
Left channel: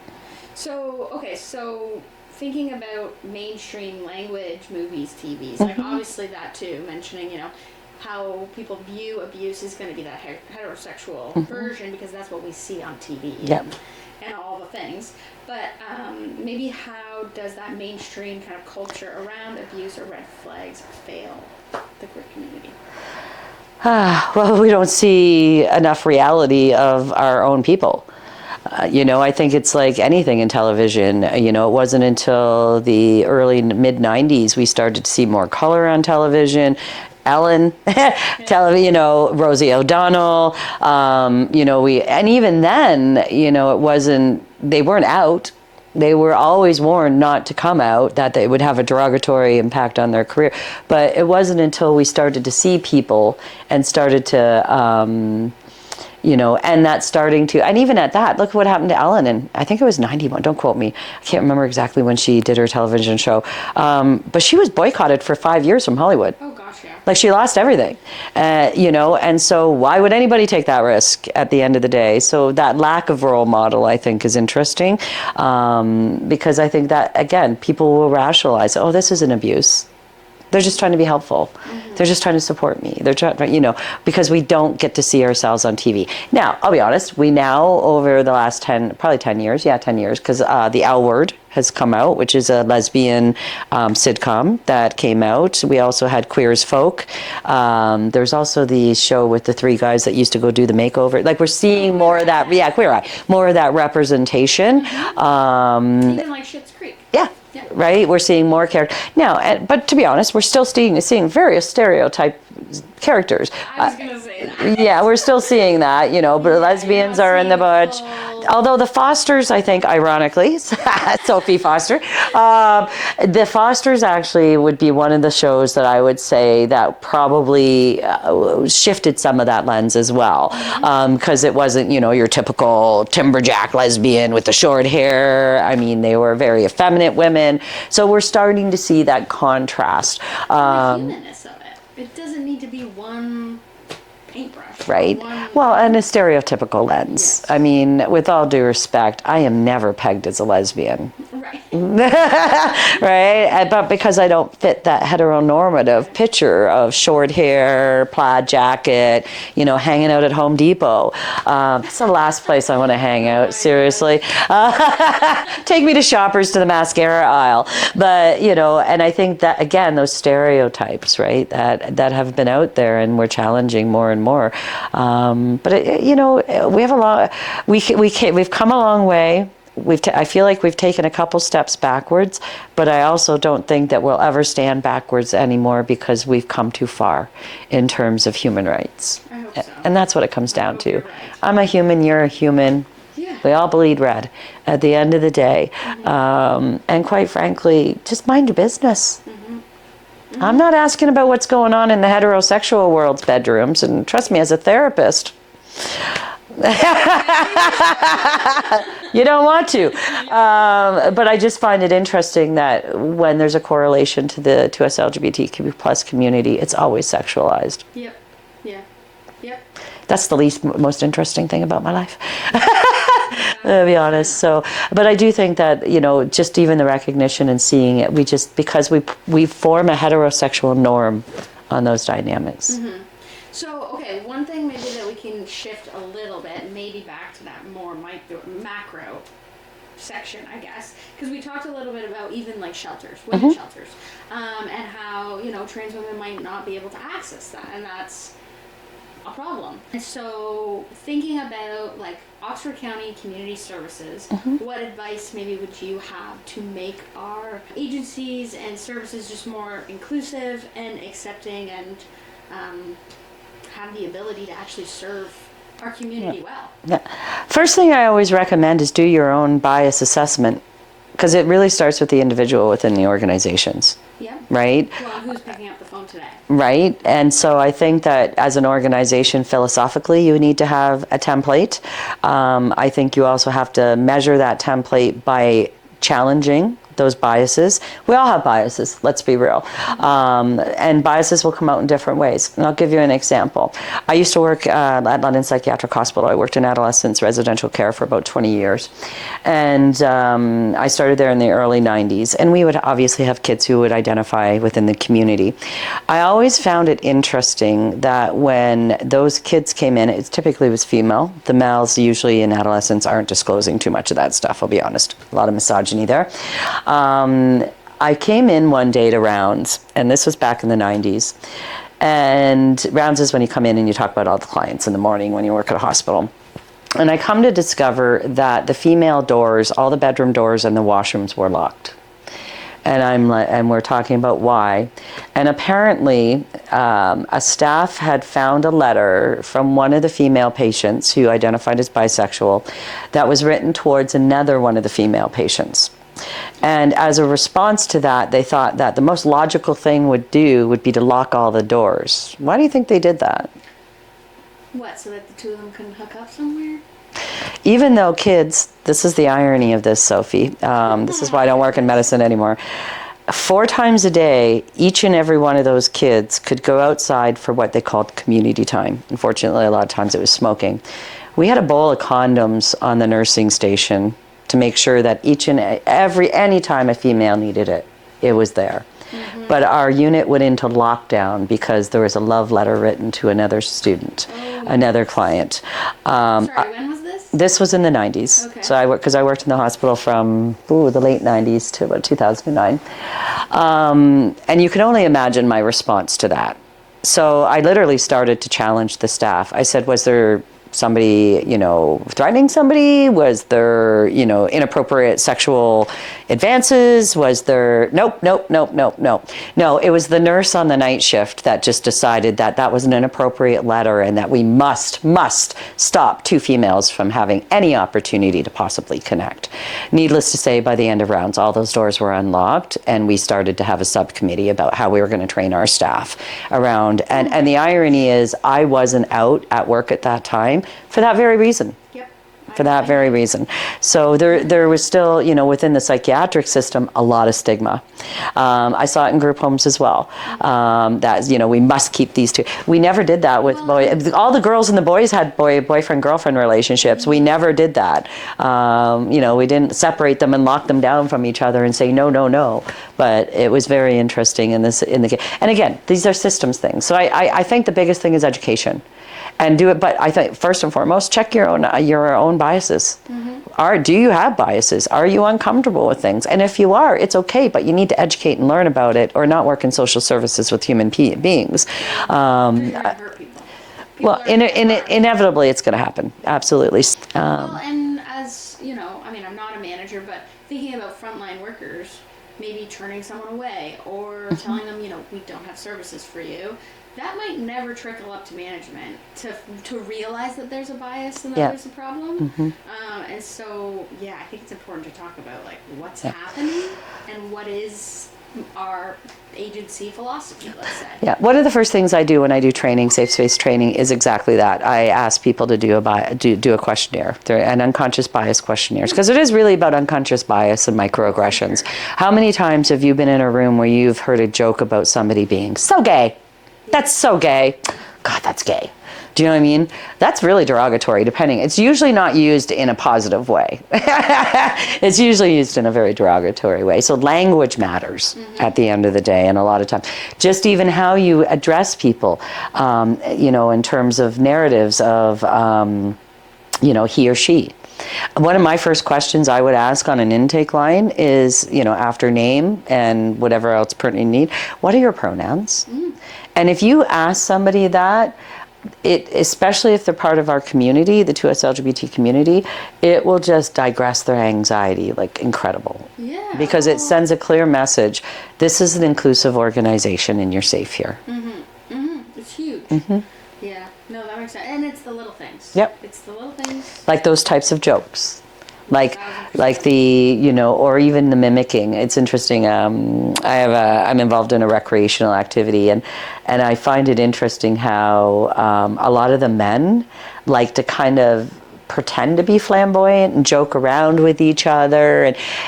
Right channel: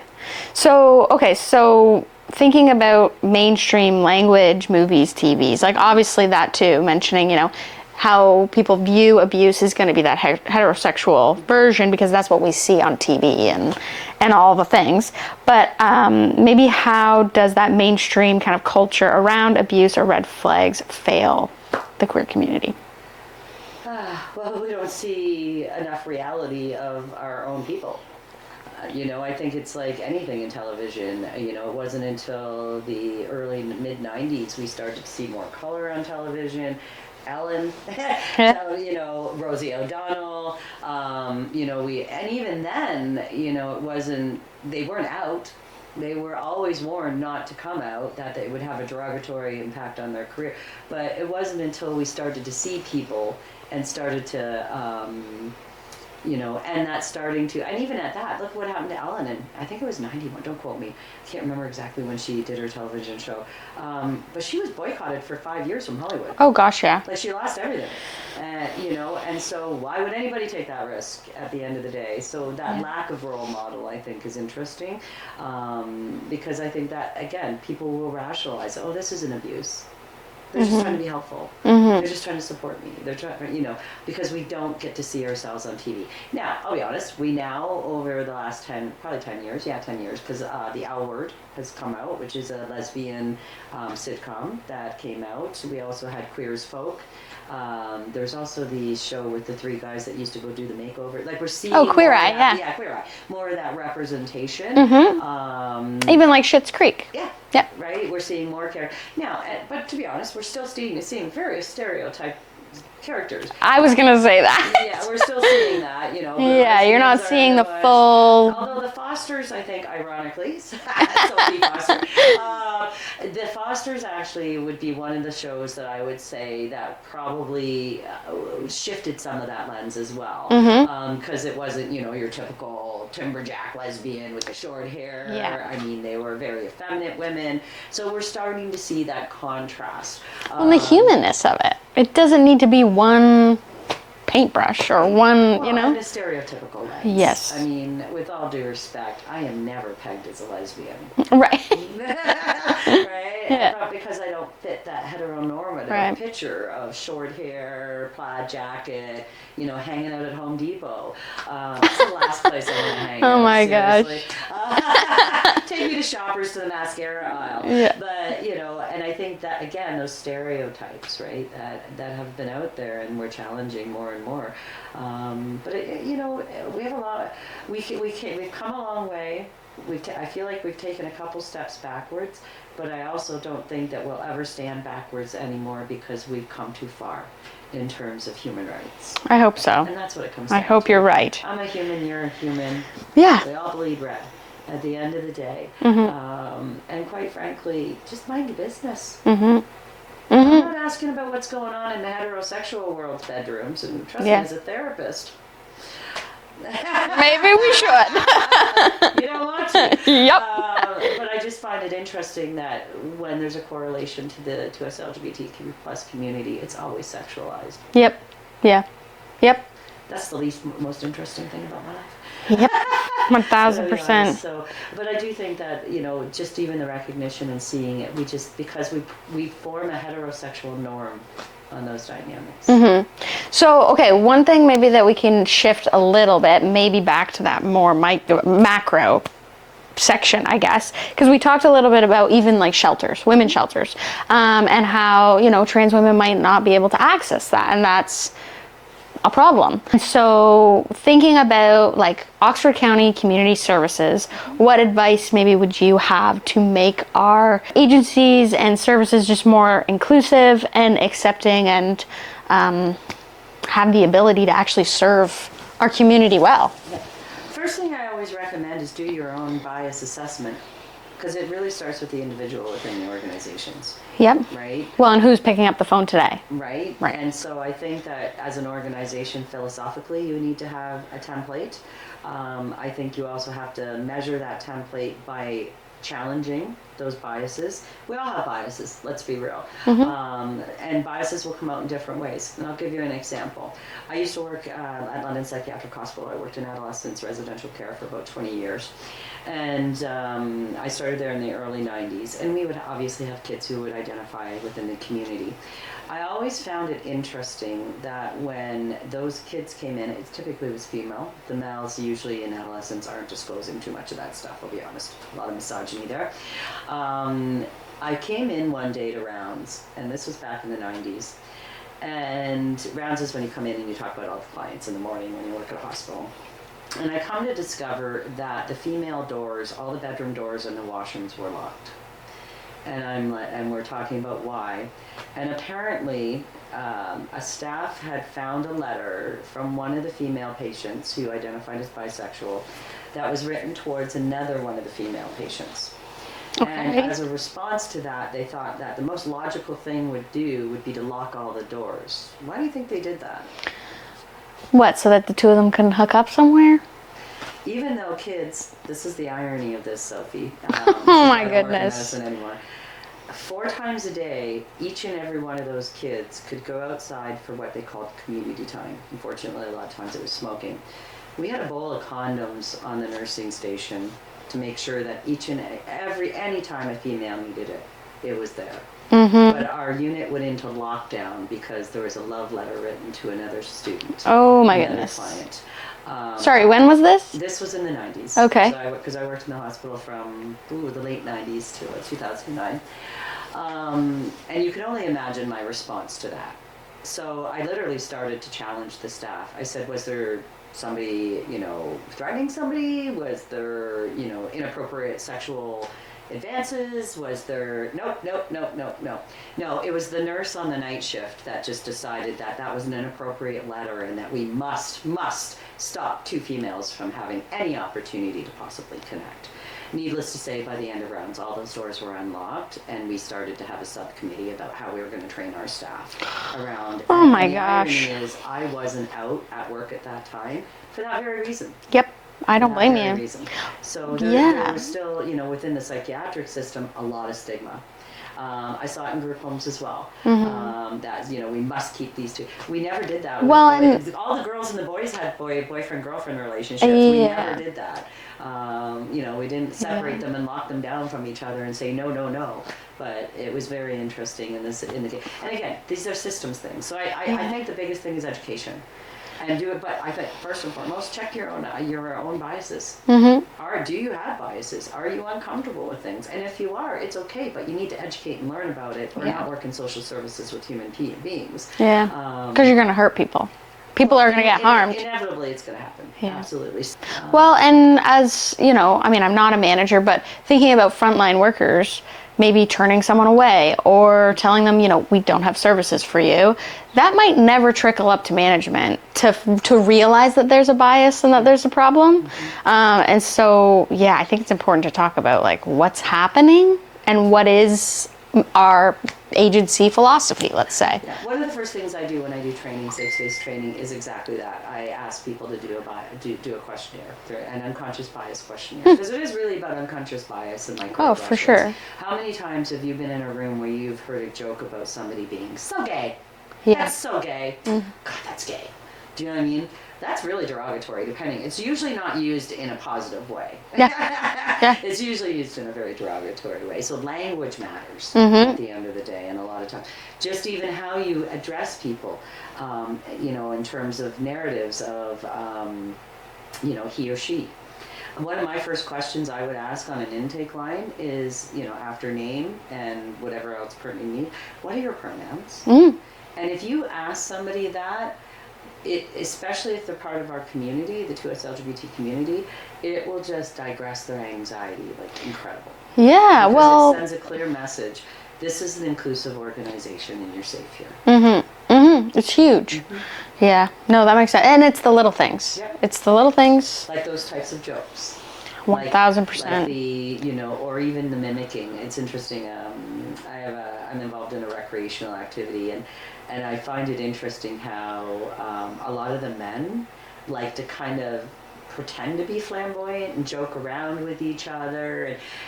So, okay, so thinking about mainstream language, movies, TVs, like obviously that too, mentioning, you know, how people view abuse is going to be that heterosexual version, because that's what we see on TV and all the things. But maybe how does that mainstream kind of culture around abuse or red flags fail the queer community? Well, we don't see enough reality of our own people. I think it's like anything in television. It wasn't until the early mid-90s we started to see more color on television. Ellen, Rosie O'Donnell, and even then, it wasn't, they weren't out. They were always warned not to come out, that they would have a derogatory impact on their career. But it wasn't until we started to see people and started to, and that's starting to, and even at that, look what happened to Ellen, and I think it was 91, don't quote me. I can't remember exactly when she did her television show. But she was boycotted for 5 years from Hollywood. Oh gosh, yeah. Like, she lost everything, and so why would anybody take that risk at the end of the day? So that lack of role model, I think, is interesting, because I think that, again, people will rationalize, oh, this is an abuse. They're just trying to be helpful. They're just trying to support me. They're trying, because we don't get to see ourselves on TV. Now, I'll be honest, we now, over the last 10 years, because The L Word has come out, which is a lesbian sitcom that came out. We also had Queer as Folk. There's also the show with the three guys that used to go do the makeover. Like, we're seeing more of that. Yeah, Queer Eye. More of that representation. Even like Schitt's Creek. Yeah. Yeah, right. We're seeing more characters now, but to be honest, we're still seeing various stereotype characters. I was going to say that. Yeah, we're still seeing that. But lesbians are in the bunch. Although the Fosters, I think, ironically, Sophie Foster, the Fosters actually would be one of the shows that I would say that probably shifted some of that lens as well, because it wasn't, your typical timberjack lesbian with the short hair. I mean, they were very effeminate women. So we're starting to see that contrast. And the humanness of it. It doesn't need to be one paintbrush or one, and a stereotypical lens. Yes. I mean, with all due respect, I am never pegged as a lesbian. Right. Right? Yeah. But because I don't fit that heteronormative picture of short hair, plaid jacket, hanging out at Home Depot. It's the last place I want to hang out, seriously. Take me to Shoppers, to the mascara aisle. Yeah. But, and I think that, again, those stereotypes, right, that have been out there, and we're challenging more and more. But we have a lot. We've come a long way. I feel like we've taken a couple steps backwards, but I also don't think that we'll ever stand backwards anymore, because we've come too far in terms of human rights. I hope so. And that's what it comes down to. I hope you're right. I'm a human. You're a human. Yeah. We all bleed red at the end of the day. And quite frankly, just mind your business. I'm not asking about what's going on in the heterosexual world's bedrooms, and trust me, as a therapist, maybe we should. You don't want to. Yep. But I just find it interesting that when there's a correlation to the 2SLGBTQ plus community, it's always sexualized. Yep. Yeah. Yep. That's the most interesting thing about my life. 1,000%. To be honest. So, but I do think that, just even the recognition and seeing it, because we form a heterosexual norm on those dynamics. So, okay, one thing maybe that we can shift a little bit, maybe back to that more macro section, I guess, because we talked a little bit about even like shelters, women's shelters, and how, trans women might not be able to access that, and that's a problem. So thinking about like Oxford County Community Services, what advice maybe would you have to make our agencies and services just more inclusive and accepting, and have the ability to actually serve our community well? First thing I always recommend is do your own bias assessment, because it really starts with the individual within the organizations. Yep. Right? Well, and who's picking up the phone today? Right. And so I think that as an organization, philosophically, you need to have a template. I think you also have to measure that template by challenging those biases. We all have biases, let's be real. And biases will come out in different ways. And I'll give you an example. I used to work at London Psychiatric Hospital. I worked in adolescents residential care for about 20 years. And I started there in the early 90s. And we would obviously have kids who would identify within the community. I always found it interesting that when those kids came in, it typically was female. The males usually in adolescence aren't disclosing too much of that stuff, I'll be honest. A lot of misogyny there. I came in one day to rounds, and this was back in the 90s. And rounds is when you come in and you talk about all the clients in the morning when you work at a hospital. And I come to discover that the female doors, all the bedroom doors and the washrooms were locked. And we're talking about why. And apparently, a staff had found a letter from one of the female patients who identified as bisexual that was written towards another one of the female patients. And as a response to that, they thought that the most logical thing would be to lock all the doors. Why do you think they did that? What, so that the two of them can hook up somewhere? Even though kids, this is the irony of this, Sophie. This is why I don't work in medicine anymore. 4 times a day, each and every one of those kids could go outside for what they called community time. Unfortunately, a lot of times it was smoking. We had a bowl of condoms on the nursing station to make sure that any time a female needed it, it was there. But our unit went into lockdown because there was a love letter written to another student, another client. Sorry, when was this? This was in the 90s. Okay. So I worked in the hospital from the late 90s to about 2009. And you can only imagine my response to that. So I literally started to challenge the staff. I said, was there somebody, threatening somebody? Was there, inappropriate sexual advances? Was there, nope. No, it was the nurse on the night shift that just decided that that was an inappropriate letter and that we must stop 2 females from having any opportunity to possibly connect. Needless to say, by the end of rounds, all those doors were unlocked and we started to have a subcommittee about how we were going to train our staff around. And the irony is I wasn't out at work at that time for that very reason. Yep. For that very reason. So there was still, within the psychiatric system, a lot of stigma. I saw it in group homes as well. That, we must keep these 2. We never did that with boys. All the girls and the boys had boyfriend-girlfriend relationships. We never did that. We didn't separate them and lock them down from each other and say, no. But it was very interesting in the and again, these are systems things. So I think the biggest thing is education. And do it, but I think first and foremost, check your own biases. Do you have biases? Are you uncomfortable with things? And if you are, it's okay, but you need to educate and learn about it, or not work in social services with human beings. Yeah, because you're going to hurt people. People are going to get harmed. Inevitably, it's going to happen. Yeah. Absolutely. Well, and as I'm not a manager, but thinking about frontline workers, maybe turning someone away or telling them, we don't have services for you. That might never trickle up to management to realize that there's a bias and that there's a problem. And so, I think it's important to talk about what's happening and what is our agency philosophy, let's say. Yeah, one of the first things I do when I do training, safe space training, is exactly that. I ask people to do a questionnaire, an unconscious bias questionnaire, because it is really about unconscious bias and microaggressions. Oh, for sure. How many times have you been in a room where you've heard a joke about somebody being so gay? Yeah. That's so gay. God, that's gay. Do you know what I mean? That's really derogatory, depending. It's usually not used in a positive way. It's usually used in a very derogatory way. So language matters at the end of the day, and a lot of times. Just even how you address people, in terms of narratives of, he or she. One of my first questions I would ask on an intake line is, after name and whatever else pertinent you need, what are your pronouns? And if you ask somebody that, especially if they're part of our community, the 2SLGBT community, it will just digress their anxiety like incredible. Yeah, because it sends a clear message. This is an inclusive organization and you're safe here. It's huge. Yeah, no, that makes sense. And it's the little things. Yep. It's the little things. Like those types of jokes. 1000%. Like the, or even the mimicking. It's interesting. I'm involved in a recreational activity, and I find it interesting how a lot of the men like to kind of pretend to be flamboyant and joke around with each other,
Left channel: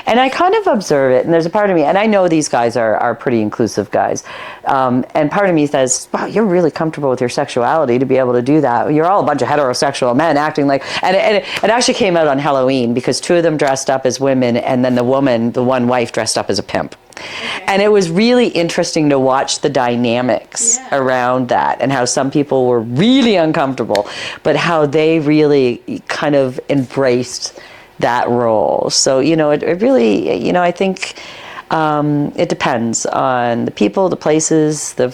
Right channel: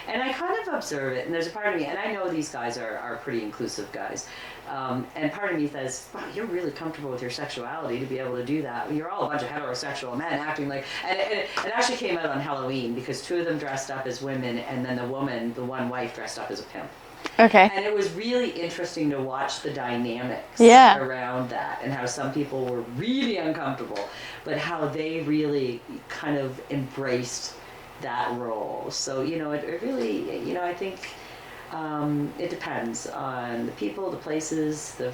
and I kind of observe it, and there's a part of me, and I know these guys are pretty inclusive guys, and part of me says, wow, you're really comfortable with your sexuality to be able to do that. You're all a bunch of heterosexual men acting like, and it actually came out on Halloween because two of them dressed up as women, and then the one wife dressed up as a pimp. Okay. And it was really interesting to watch the dynamics around that, and how some people were really uncomfortable, but how they really kind of embraced that role. So, it really, I think it depends on the people, the places, their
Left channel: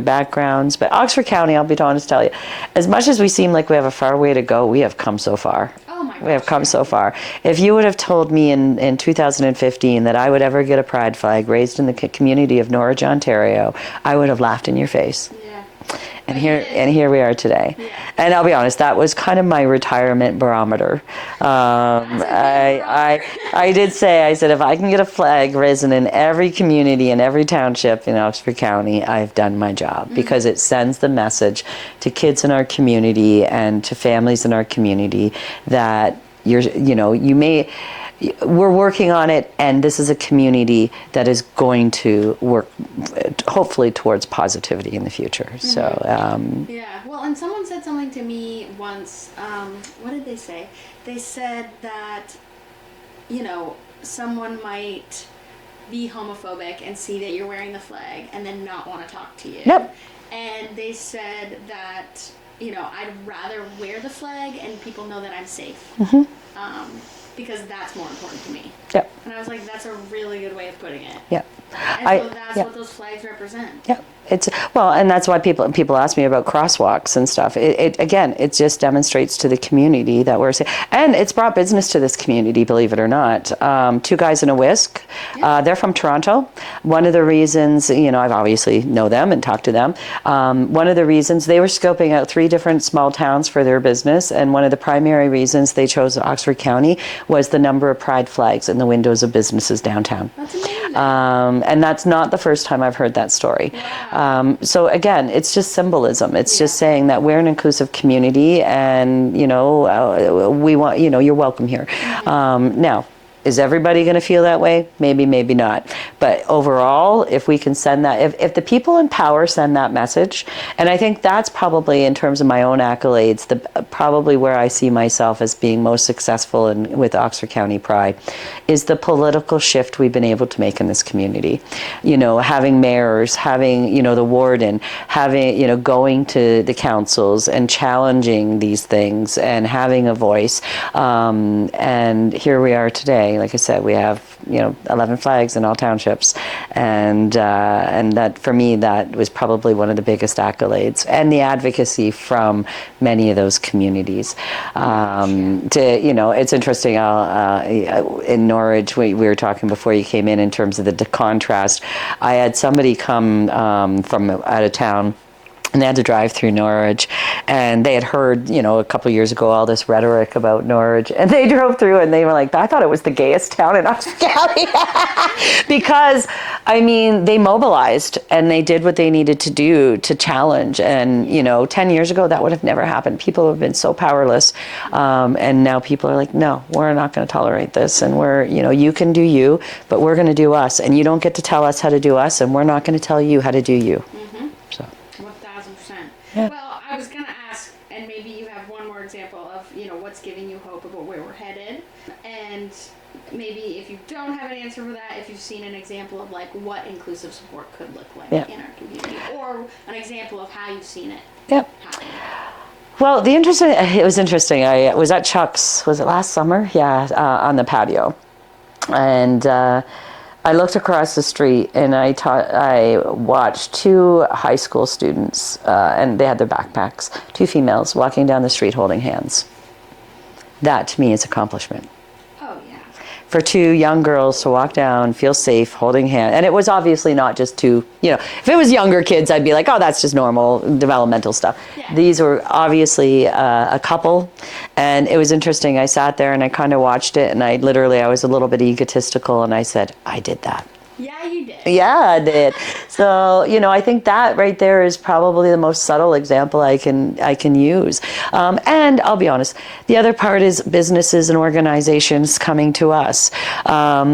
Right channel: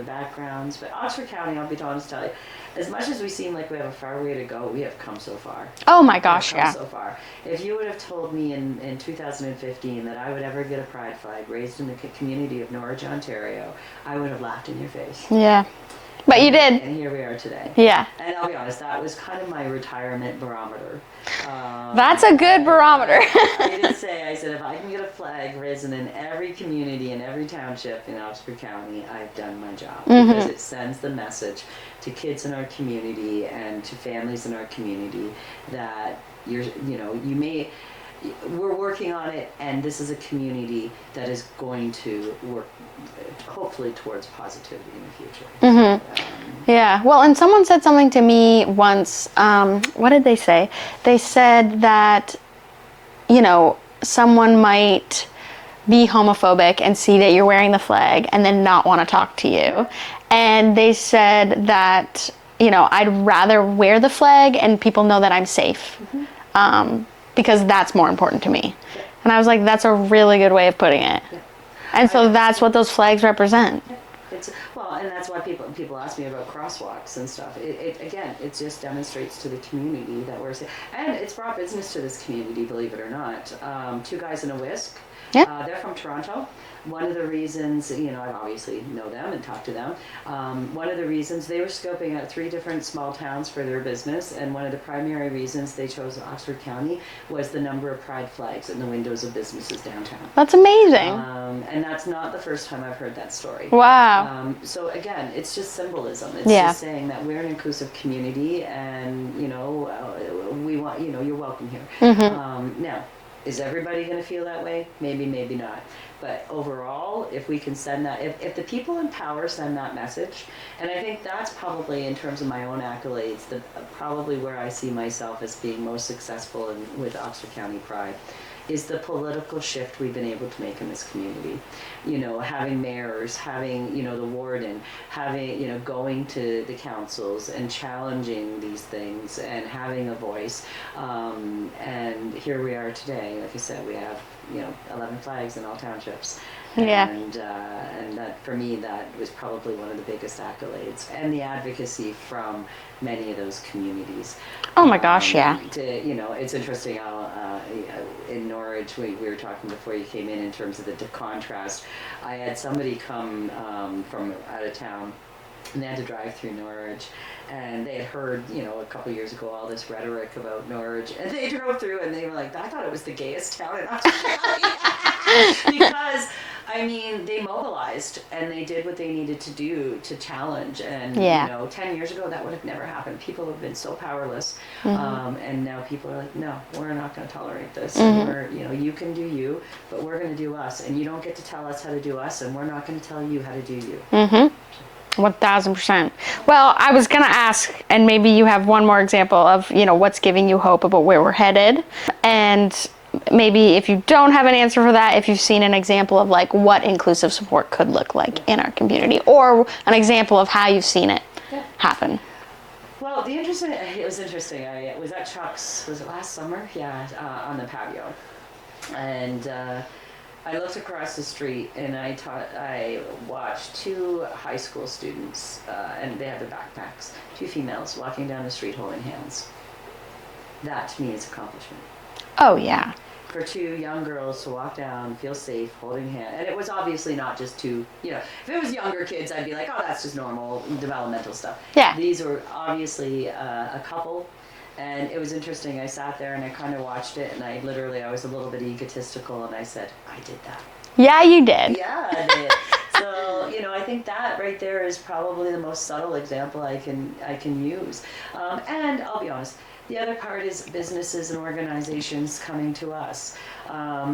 backgrounds. But Oxford County, I'll be honest to tell you, as much as we seem like we have a far way to go, we have come so far. Oh my gosh, we have come so far. If you would have told me in 2015 that I would ever get a pride flag raised in the community of Norwich, Ontario, I would have laughed in your face. Yeah. But you did. And here we are today. Yeah. And I'll be honest, that was kind of my retirement barometer. That's a good barometer. I said, if I can get a flag risen in every community and every township in Oxford County, I've done my job. Because it sends the message to kids in our community and to families in our community that we're working on it, and this is a community that is going to work hopefully towards positivity in the future. So yeah, well, and someone said something to me once. What did they say? They said that someone might be homophobic and see that you're wearing the flag and then not want to talk to you. Yep. And they said that I'd rather wear the flag and people know that I'm safe. Because that's more important to me. Yep. And I was like, that's a really good way of putting it. Yeah. And so that's what those flags represent. Yeah. And that's why people ask me about crosswalks and stuff. It just demonstrates to the community that we're safe. And it's brought business to this community, believe it or not. Two guys in a whisk. Yeah. They're from Toronto. One of the reasons, I've obviously know them and talked to them. One of the reasons they were scoping out 3 different small towns for their business, and one of the primary reasons they chose Oxford County was the number of pride flags in the windows of businesses downtown. That's amazing. And that's not the first time I've heard that story. Wow. So again, it's just symbolism. It's just saying that we're an inclusive community, and we want you're welcome here. Now, is everybody going to feel that way? Maybe, maybe not. But overall, if we can send that, if the people in power send that message, and I think that's probably, in terms of my own accolades, probably where I see myself as being most successful with Oxford County Pride, is the political shift we've been able to make in this community. Having mayors, having, the warden, having, going to the councils and challenging these things and having a voice. And here we are today. Like I said, we have 11 flags in all townships, and that, for me, that was probably one of the biggest accolades, and the advocacy from many of those communities. Oh my gosh, yeah. It's interesting. In Norwich, we were talking before you came in terms of the contrast. I had somebody come from out of town, and they had to drive through Norwich, and they had heard, a couple of years ago, all this rhetoric about Norwich, and they drove through and they were like, I thought it was the gayest town in Oxford County. Because, they mobilized and they did what they needed to do to challenge, and 10 years ago that would have never happened. People have been so powerless, and now people are like, no, we're not going to tolerate this, and we're, you can do you, but we're going to do us, and you don't get to tell us how to do us, and we're not going to tell you how to do you. So. 1000%. Well, I was going to ask, and maybe you have one more example of, what's giving you hope about where we're headed. And maybe if you don't have an answer for that, if you've seen an example of what inclusive support could look like in our community, or an example of how you've seen it happen. Well, it was interesting. I was at Chuck's, was it last summer? Yeah, on the patio. And I looked across the street, and I watched 2 high school students, and they had their backpacks, 2 females walking down the street holding hands. That, to me, is accomplishment. Oh, yeah. For 2 young girls to walk down, feel safe, holding hands. And it was obviously not just 2, if it was younger kids, I'd be like, oh, that's just normal developmental stuff. Yeah. These were obviously a couple. And it was interesting. I sat there and I kind of watched it, and I was a little bit egotistical, and I said, I did that. Yeah, you did. Yeah, I did. So, I think that right there is probably the most subtle example I can use. And I'll be honest, the other part is businesses and organizations coming to us.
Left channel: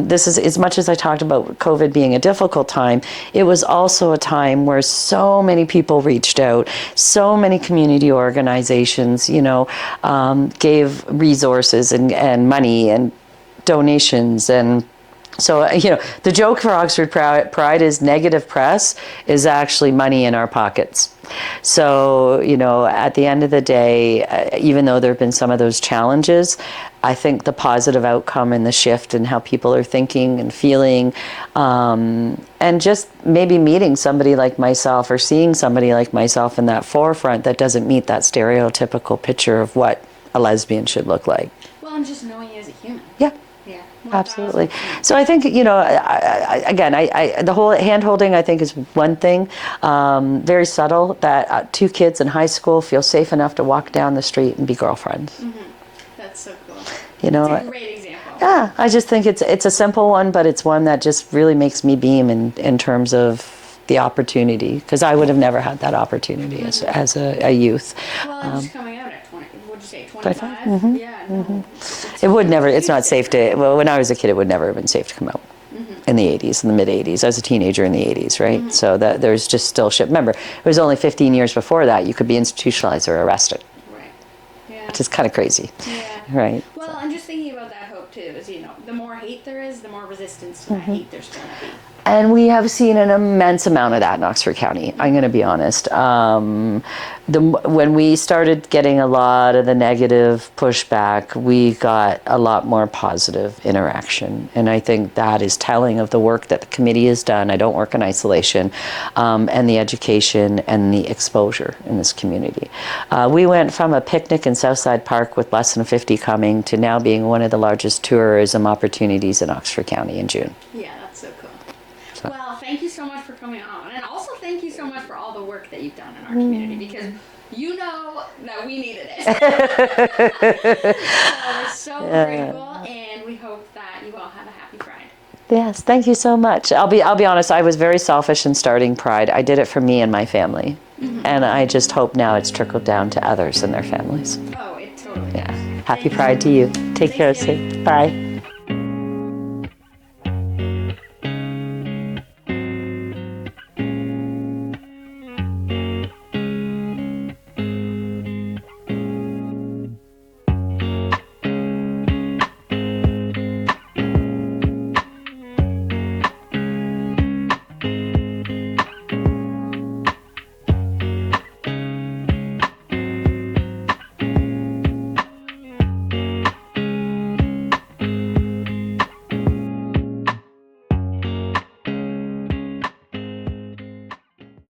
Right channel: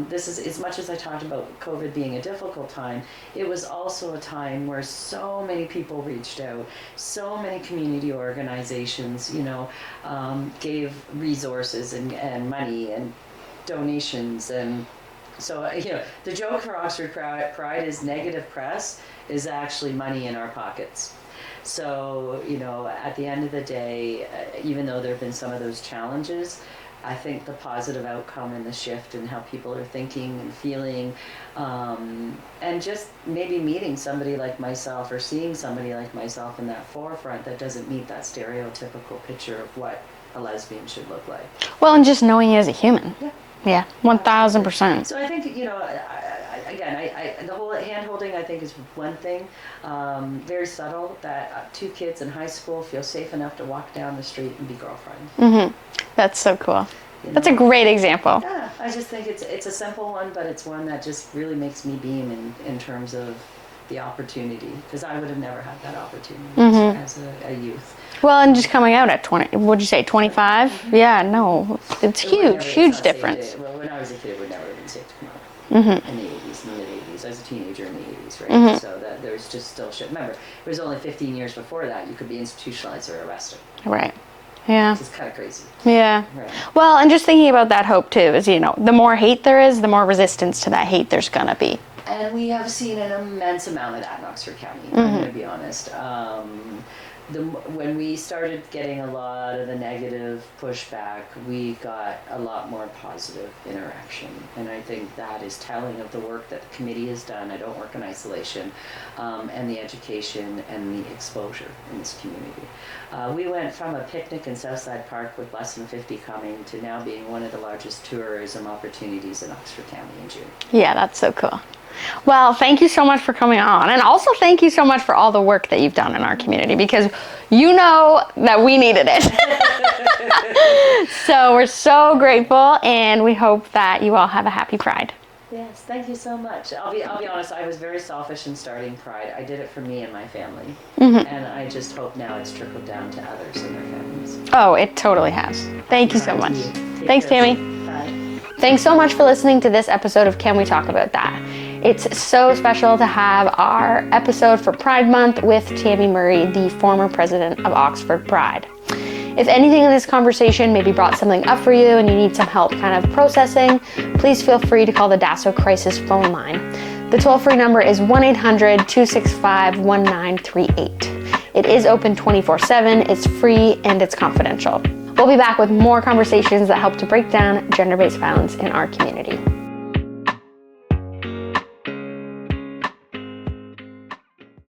This is, as much as I talked about COVID being a difficult time, it was also a time where so many people reached out, so many community organizations, gave resources and money and donations. And so, the joke for Oxford Pride is negative press is actually money in our pockets. So, at the end of the day, even though there have been some of those challenges, I think the positive outcome and the shift in how people are thinking and feeling, and just maybe meeting somebody like myself or seeing somebody like myself in that forefront that doesn't meet that stereotypical picture of what a lesbian should look like. Well, and just knowing you as a human. Yeah. Yeah, 1,000%. So I think, the whole hand-holding, I think, is one thing. Very subtle, that two kids in high school feel safe enough to walk down the street and be girlfriends. Mm-hmm. That's so cool. That's a great example. Yeah, I just think it's a simple one, but it's one that just really makes me beam in terms of the opportunity, because I would have never had that opportunity as a youth. Well, and just coming out at 20, what'd you say, 25? Mm-hmm. Yeah, no, it's huge, would never. It's not difference. safe to. Well, when I was a kid, it would never have been safe to come out. In the 80s, in the mid 80s. I was a teenager in the 80s, right? So that there's just still shit. Remember, it was only 15 years before that you could be institutionalized or arrested. Right. Yeah. Which is kind of crazy. Yeah. Right. Well, and just thinking about that hope too is, the more hate there is, the more resistance to that hate there's gonna be. And we have seen an immense amount of that in Oxford County. I'm going to be honest. When we started getting a lot of the negative pushback, we got a lot more positive interaction. And I think that is telling of the work that the committee has done. I don't work in isolation, and the education and the exposure in this community. We went from a picnic in Southside Park with less than 50 coming to now being one of the largest tourism opportunities in Oxford County in June. Yeah, that's so cool. Well, thank you so much for coming on. And also thank you so much for all the work that you've done in our community, because you know that we needed it. So we're so grateful, and we hope that you all have a happy Pride. Yes, thank you so much. I'll be honest, I was very selfish in starting Pride. I did it for me and my family. And I just hope now it's trickled down to others and their families. Oh, it totally has. Thank you so much. Happy Pride to you. Thanks, care. Tami. Bye. Thanks so much for listening to this episode of Can We Talk About That? It's so special to have our episode for Pride Month with Tami Murray, the former president of Oxford Pride. If anything in this conversation maybe brought something up for you and you need some help kind of processing, please feel free to call the DASO Crisis phone line. The toll-free number is 1-800-265-1938. It is open 24/7, it's free, and it's confidential. We'll be back with more conversations that help to break down gender-based violence in our community.